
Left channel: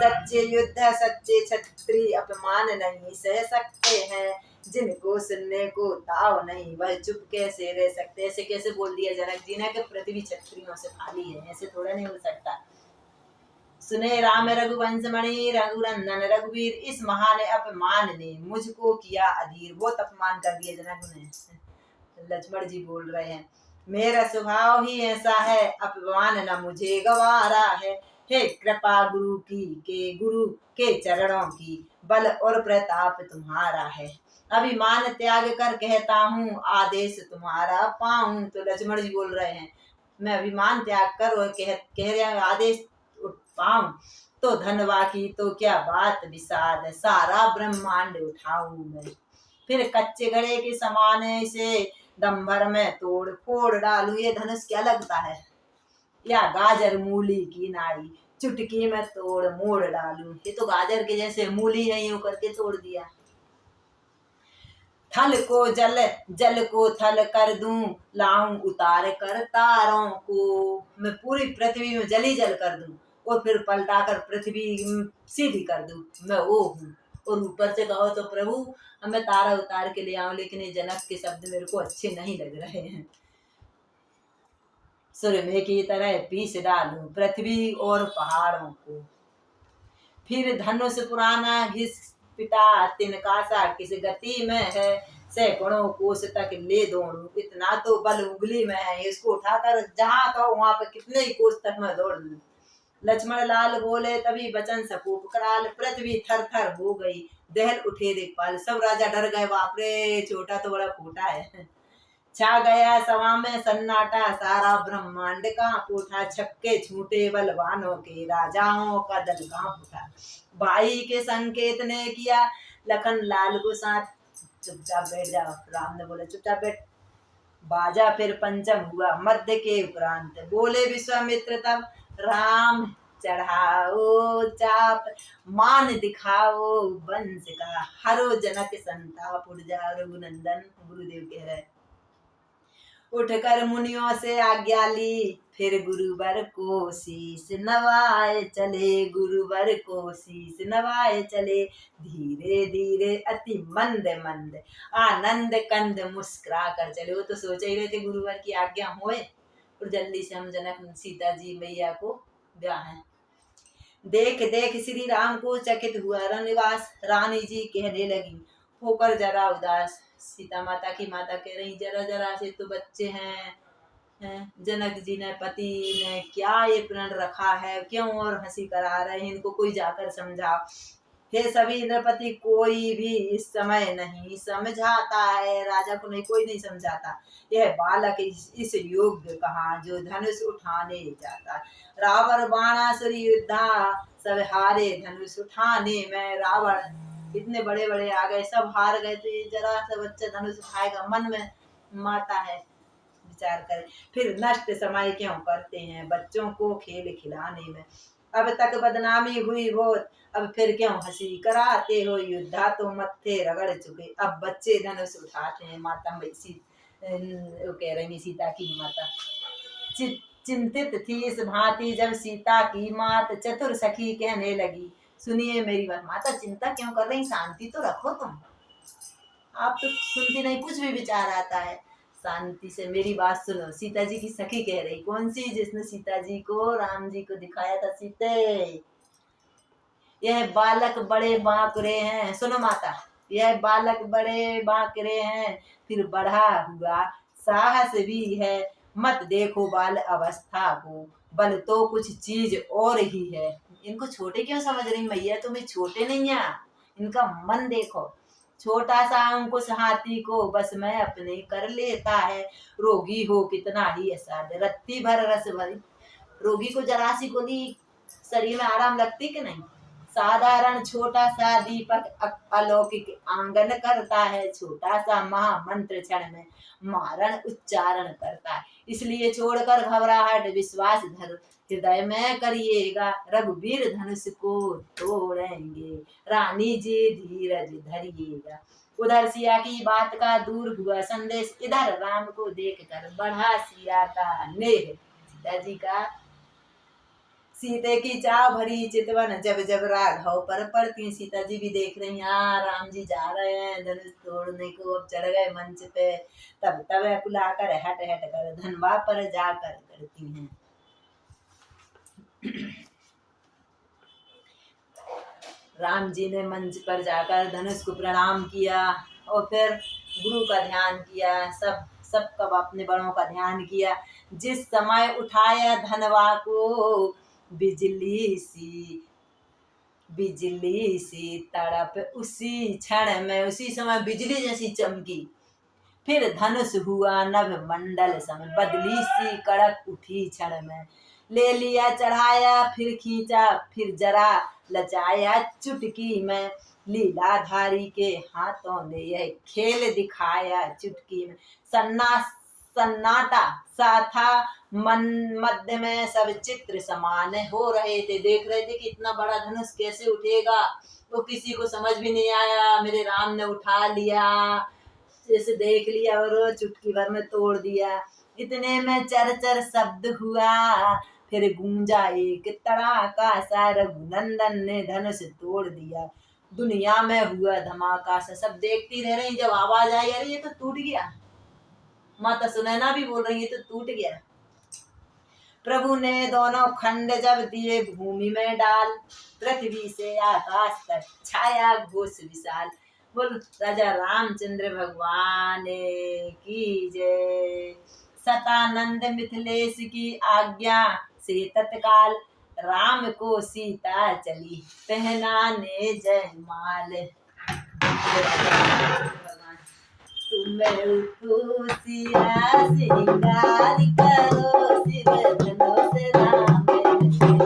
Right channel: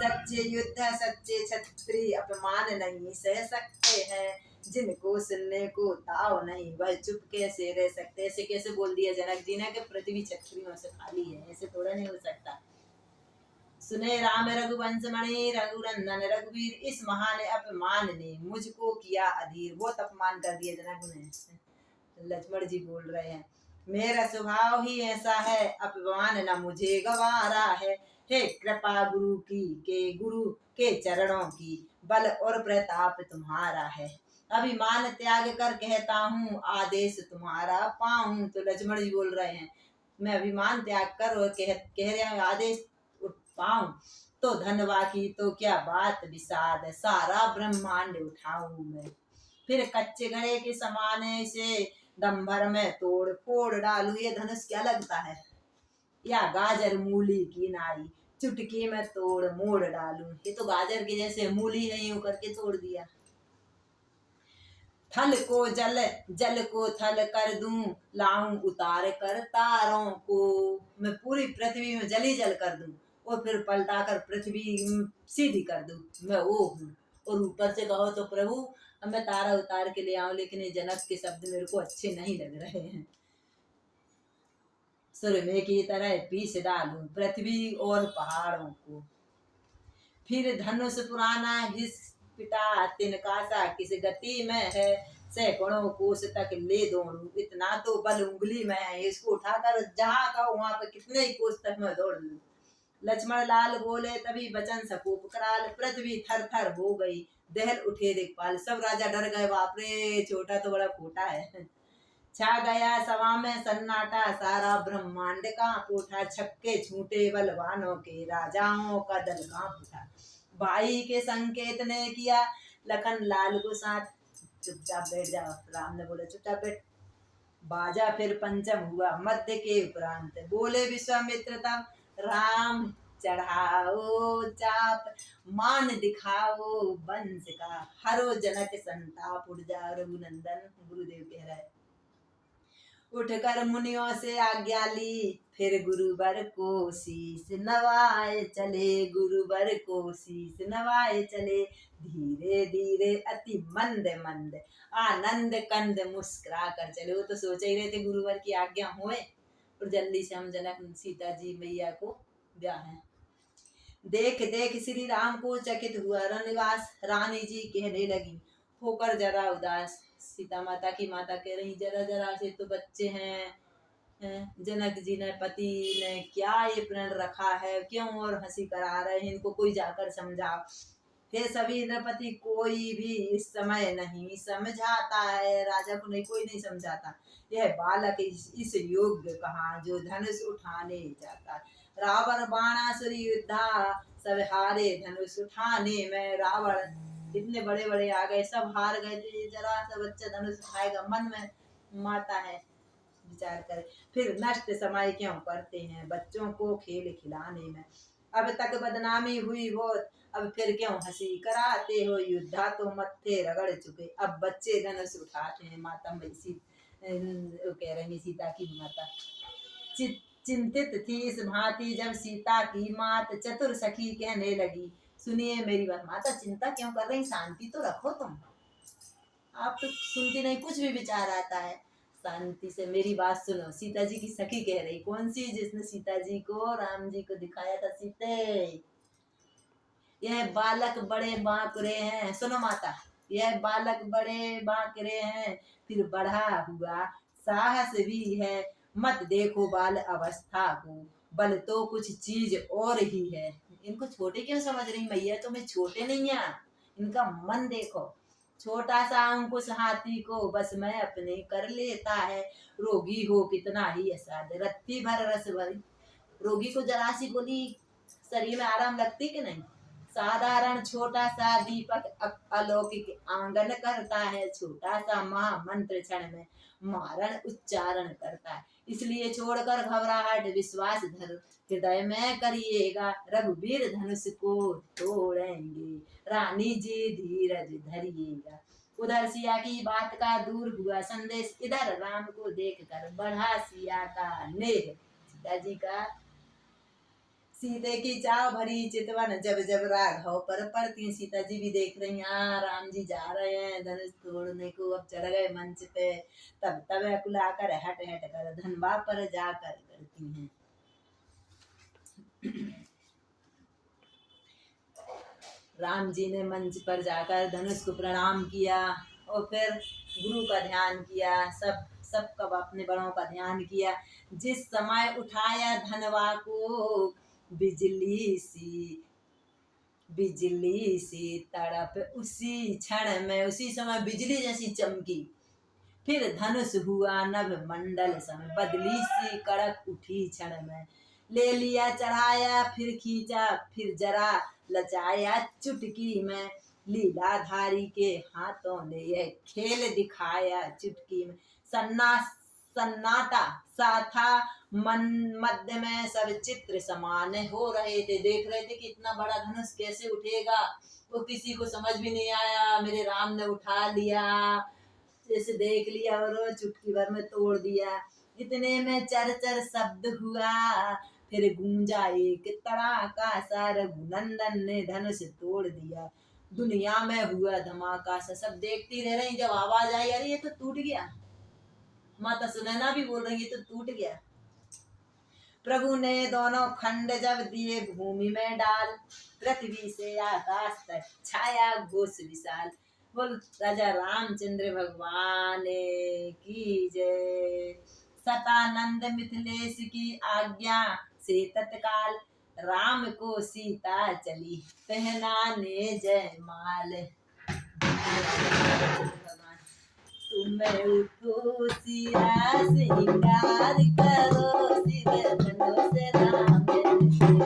सच्चे युद्ध सच्चे क्षत्रिय अपमान नहीं सह सकते हैं। जिनको सुनने को ताव नहीं वह चुप कैसे रह सकते। ऐसे कैसे बोल दिया जनक जी ने कि पृथ्वी क्षत्रियों से खाली है, ऐसे थोड़ा नहीं हो सकता। सुने राम रघुवंश मणि रघुनंदन रघुवीर, इस महान अपमान ने मुझको किया अधीर। बहुत अपमान कर दिया जनक ने। लक्ष्मण जी बोल रहे हैं, मेरा स्वभाव ही ऐसा है, अपमान न मुझे गवारा है। हे कृपा गुरु के चरणों की, बल और प्रताप तुम्हारा है। अभिमान त्याग कर कहता हूँ, आदेश तुम्हारा पाऊं। तो लक्ष्मण जी बोल रहे हैं, मैं अभिमान त्याग कर और कह रहे हैं आदेश पाऊं तो धनवा की तो क्या बात विषाद, सारा ब्रह्मांड उठाऊं मैं। फिर कच्चे घड़े के समान से दंभर में तोड़ फोड़ डालू। ये धनुष क्या लगता है, या गाजर मूली की नाई चुटकी में तोड़ मोड़ डालू। ये तो गाजर के जैसे मूली है, यूं करके तोड़ दिया। थल को जल जल को थल कर दूं, लाऊं उतार कर तारों को। मैं पूरी पृथ्वी में जल ही जल कर दूं। और फिर पलटाकर पृथ्वी सीधी कर दूं, मैं वो हूँ। और ऊपर से कहो तो प्रभु अब मैं तारा उतार के ले आऊं, लेकिन ये जनक के शब्द मेरे को अच्छे नहीं लग रहे हैं। सुरमे की तरह पीस डालूं पृथ्वी और पहाड़ों को, फिर धनुष पुराना घिस पिटा तिनका सा किस गति में है, सैकड़ों कोस तक ले दौड़ू इतना तो बल उंगली में है। इसको उठाकर जहां कहो वहां पे कितने ही कोस तक मैं दौड़ लूं। लक्ष्मण लाल बोले तभी बचन सपूप कराल, पृथ्वी थर थर हो गई दहल उठे दिखपाल। सब राजा डर गए, बाप रे छोटा तो बड़ा खोटा है। छा गया सभा में सन्नाटा सारा ब्रह्मांड कांप उठा, छक्के छूटे बलवानों के राजाओं का दल कांप उठा। भाई के संकेत ने किया लखन लाल को साथ, चुपचाप बैठ जाओ। राम ने बोला चुपचाप बैठ। बाजा फिर पंचम हुआ मध्य के उपरांत, बोले विश्वामित्र तब राम चढ़ाओ चाप, मान दिखाओ वंश का हरो जनक संताप। उठ जा रघुनंदन, गुरुदेव कह रहे उठकर मुनियों से आज्ञा ली, फिर गुरुवर को शीश नवाए चले, गुरुवर को शीश नवाए चले। धीरे धीरे अति मंद मंद आनंद कंद मुस्कुरा कर चले। वो तो सोच ही रहे थे गुरुवर की आज्ञा हुए और जल्दी से हम जनक सीता जी मैया को ब्याह है। देख देख श्री राम को चकित हुआ रनिवास, रानी जी कहने लगी होकर जरा उदास। सीता माता की माता कह रही जरा जरा से तो बच्चे हैं, जनक जी ने पति ने क्या ये प्रण रखा है, क्यों और हंसी करा रहे हैं, इनको कोई जाकर समझाओ। हे सभी इंद्रपति कोई भी इस समय नहीं समझाता है, राजा को नहीं कोई नहीं समझाता। यह बालक इस योग्य कहा जो धनुष उठाने जाता। रावण बाणासुर युद्धा सब हारे धनुष उठाने में। रावण इतने बड़े बड़े आ गए, सब हार गए, तो ये जरा सा बच्चा धनुष उठाएगा, मन में माता है विचार करे। फिर नष्ट समय क्यों करते हैं बच्चों को खेल खिलाने में। अब तक बदनामी हुई बहुत, अब फिर क्यों हंसी कराते हो, युद्धा तो मत्थे रगड़ चुके, अब बच्चे धनुष उठाते हैं। माता वो कह रही सीता की माता चिंतित थी इस भांति जब सीता की मात चतुर सखी कहने लगी सुनिए मेरी बात। माता चिंता क्यों कर रही, शांति तो रखो तुम, आप तो सुनती नहीं, कुछ भी विचार आता है, शांति से मेरी बात सुनो। सीता जी की सखी कह रही, कौन सी जिसने सीता जी को राम जी को दिखाया था। सीते यह बालक बड़े बांकरे हैं, सुनो माता, यह बालक बड़े बांकरे हैं, फिर बढ़ा हुआ साहस भी है। मत देखो बाल अवस्था को, बल तो कुछ चीज और ही है। इनको छोटे क्यों समझ रही मैया, तुम्हें छोटे नहीं है, इनका मन देखो। छोटा सा अंकुश हाथी को बस में अपने कर लेता है, रोगी हो कितना ही असाध्य रत्ती भर रस भरी। रोगी को जरा सी गोली शरीर में आराम लगती कि नहीं। साधारण छोटा सा दीपक अलौकिक आंगन करता है, छोटा सा महामंत्र क्षण में मारण उच्चारण करता है। इसलिए छोड़कर घबराहट विश्वास धर हृदय में करिएगा, रघुवीर धनुष को तोड़ेंगे, रानी जी धीरज धरिएगा। उधर सिया की बात का दूर हुआ संदेश, इधर राम को देखकर बढ़ा सिया का नेह। सीता जी का सीते की चाव भरी चितवन जब जब राघव पर पड़ती। सीता जी भी देख रही हैं राम जी जा रहे हैं धनुष तोड़ने को, अब चढ़ गए मंच पे, तब तब अकुलाकर हट हट कर धनवा पर जाकर करती हैं। राम जी ने मंच पर जाकर धनुष को प्रणाम किया और फिर गुरु का ध्यान किया, सब अपने बड़ों का ध्यान किया। जिस समय उठाया धनवा को बिजली सी तड़प, उसी क्षण में उसी समय बिजली जैसी चमकी। फिर धनुष हुआ नभ मंडल समय, बदली सी कड़क उठी क्षण में। ले लिया चढ़ाया फिर खींचा, फिर जरा लचाया चुटकी में। लीलाधारी के हाथों ने यह खेल दिखाया चुटकी में। सन्नाटा सा था मन मध्य में, सब चित्र समान हो रहे थे, देख रहे थे कि इतना बड़ा धनुष कैसे उठेगा। वो किसी को समझ भी नहीं आया, मेरे राम ने उठा लिया, जैसे देख लिया और चुटकी भर में तोड़ दिया। इतने में चर चर शब्द हुआ, फिर गूंजा एक तड़ाका सा, रघुनंदन ने धनुष तोड़ दिया। दुनिया में हुआ धमाका सा, सब देखती रह रही। जब आवाज आई अरे ये तो टूट गया, माता सुनैना भी बोल रही है तो टूट गया। प्रभु ने दोनों खंड जब दिए भूमि में डाल, पृथ्वी से आकाश तक छाया घोष विशाल। बोल राजा रामचंद्र भगवान की जय। सतानंद मिथिलेश की आज्ञा से तत्काल, राम को सीता चली पहनाने जयमाल। तुम उठो सिया सिंगार करो, शिव धनुष राम ने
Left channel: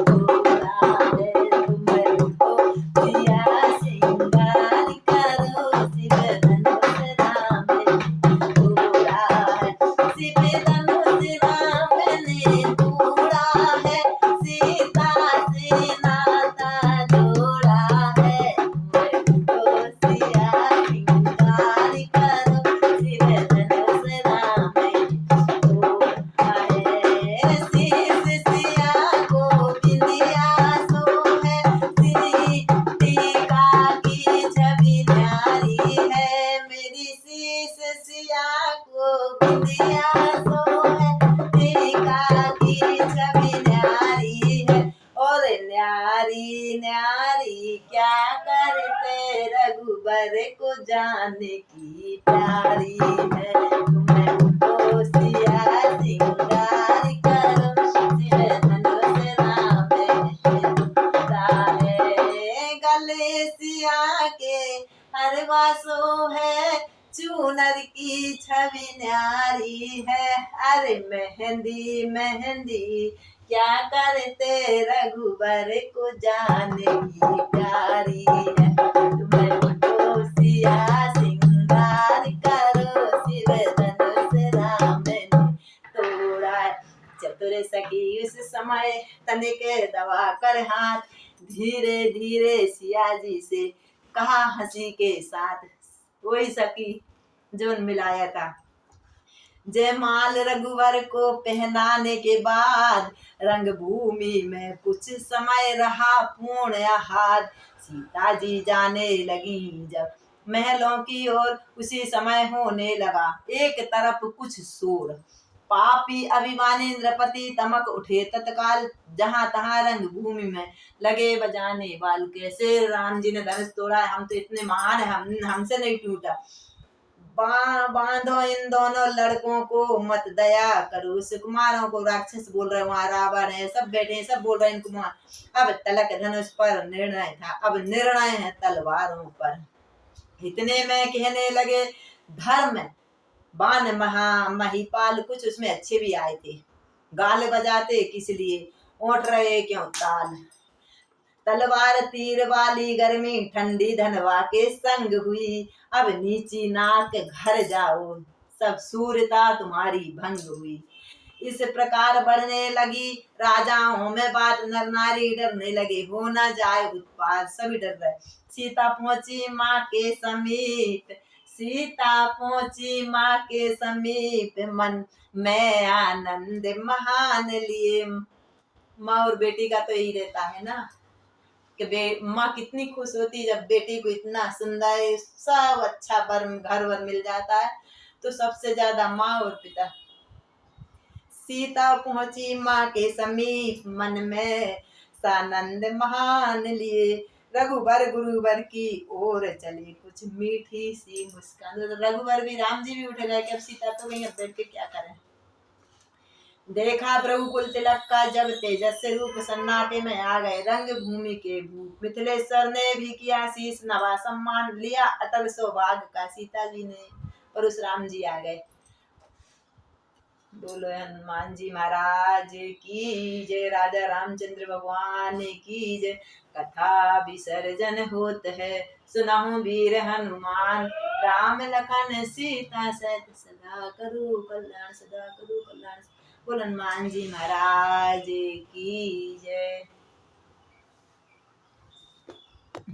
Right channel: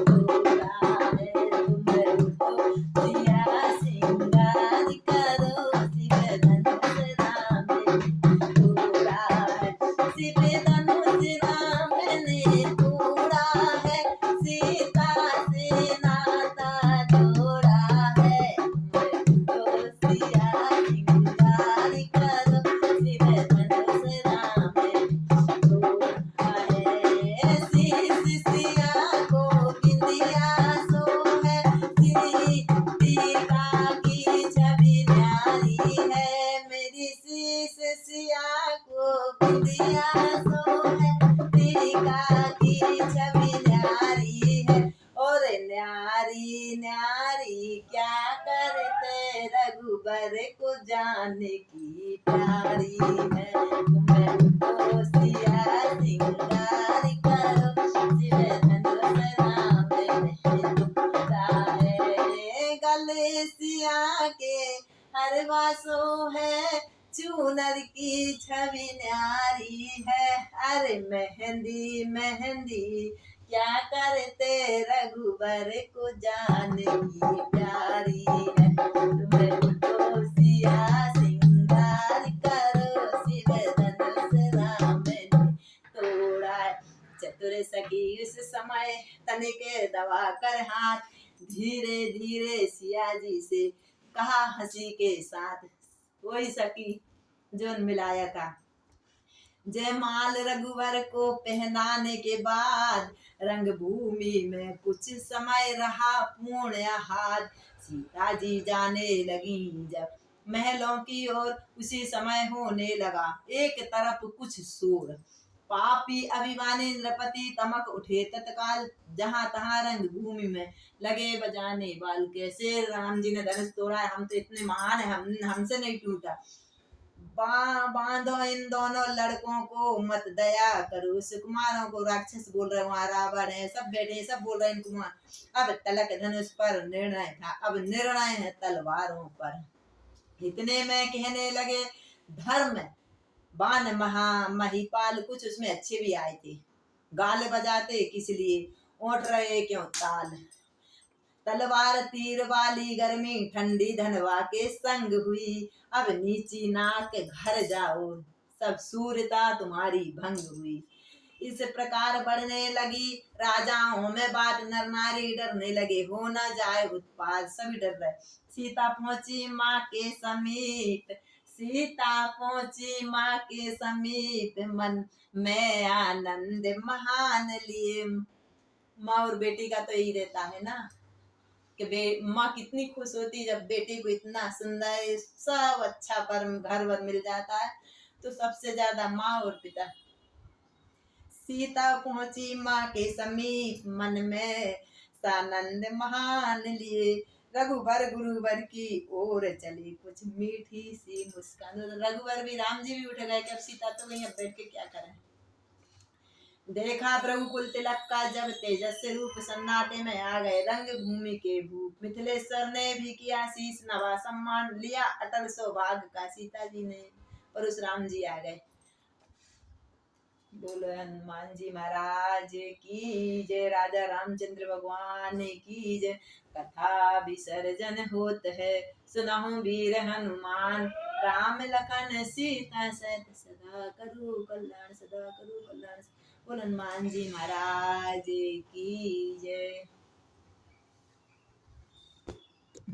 तोड़ा है। तुम उठो सिया सिंगार करो, शिव धनुष राम ने तोड़ा है। शिव धनुष राम ने तोड़ा है, सीता से नाता जोड़ा है। तुम उठो सिया सिंगार करो, शिव धनुष राम ने तोड़ा है। शीश सिया को बिंदिया सोहे, श्री टीका की छवि न्यारी है। मेरी शीश सिया को बिंदिया सोहे, टीका की छवि न्यारी है। और न्यारी न्यारी क्या करते, रघुबर को जानने की प्यारी है। तुम्हें उठो सिया सिंगार करो, शिव धनुष राम ने तोड़ा है। गले सिया के हरवा सो है, चूनर की छवि न्यारी है। अरे मेहंदी मेहंदी क्या करते, रघुबर को जानने की प्यारी है। तुम्हें उठो सिया सिंगार करो, शिव धनुष राम ने तोड़ा है। चतुर सखी उस समय तनिक दबा कर हाथ, धीरे धीरे सिया जी से कहा हंसी के साथ। वही सखी जो मिलाया था। जयमाल रघुवर को पहनाने के बाद, रंग भूमि में कुछ समय रहा पूर्ण आह्लाद। सीता जी जाने लगी जब महलों की ओर, उसी समय होने लगा एक तरफ कुछ शोर। पापी अभिमानी नृपति तमक उठे तत्काल, जहां तहां रंग भूमि में लगे बजाने बाल। कैसे राम जी ने धनुष तोड़ा है, हम तो इतने महान है, हमसे नहीं टूटा। बांधो इन दोनों लड़कों को मत दया करो। सुकुमारों को राक्षस बोल रहे, वहां रावण है, सब बैठे हैं, सब बोल रहे हैं इनको। अब तलक धनुष पर निर्णय था, अब निर्णय है तलवारों पर। इतने में कहने लगे धर्म बाण महिपाल, कुछ उसमें अच्छे भी आए थे। गाल बजाते किस लिए, ओट रहे क्यों ताल। तलवार तीर वाली गर्मी ठंडी धनवा के संग हुई। अब नीची नाक घर जाओ, सब सूरता तुम्हारी भंग हुई। इस प्रकार बढ़ने लगी राजाओं में बात, नर नारी डरने लगे हो न जाए उत्पात। सभी डर रहे। सीता पहुंची माँ के समीप, सीता पहुंची माँ के समीप, मन में आनंद महान लिए। माँ और बेटी का तो यही रहता है ना कि माँ कितनी खुश होती जब बेटी को इतना सुंदर सब अच्छा घर वर मिल जाता है, तो सबसे ज्यादा माँ और पिता। सीता पहुंची माँ के समीप, मन में सानंद महान लिए। रघुबर गुरुवर की ओर चली, कुछ मीठी सी मुस्कान। रघुबर भी, राम जी भी उठ गए कि अब सीता तो गई, अब बैठ के क्या करें। देखा प्रभु कुल तिलक का जब तेजस रूप, सन्नाटे में आ गए रंग भूमि के भूप। मिथिलेश्वर ने भी किया शीश नवा, सम्मान लिया अटल सौभाग्य का। सीता जी ने परशुराम जी आ गए। बोलो हनुमान जी महाराज की जय, राजा रामचंद्र भगवान की जय। कथा विसर्जन होत है, सुनहु वीर हनुमान, राम लखन सीता सहित सदा करो कल्याण, सदा करो कल्याण। बोलो हनुमान जी महाराज की जय।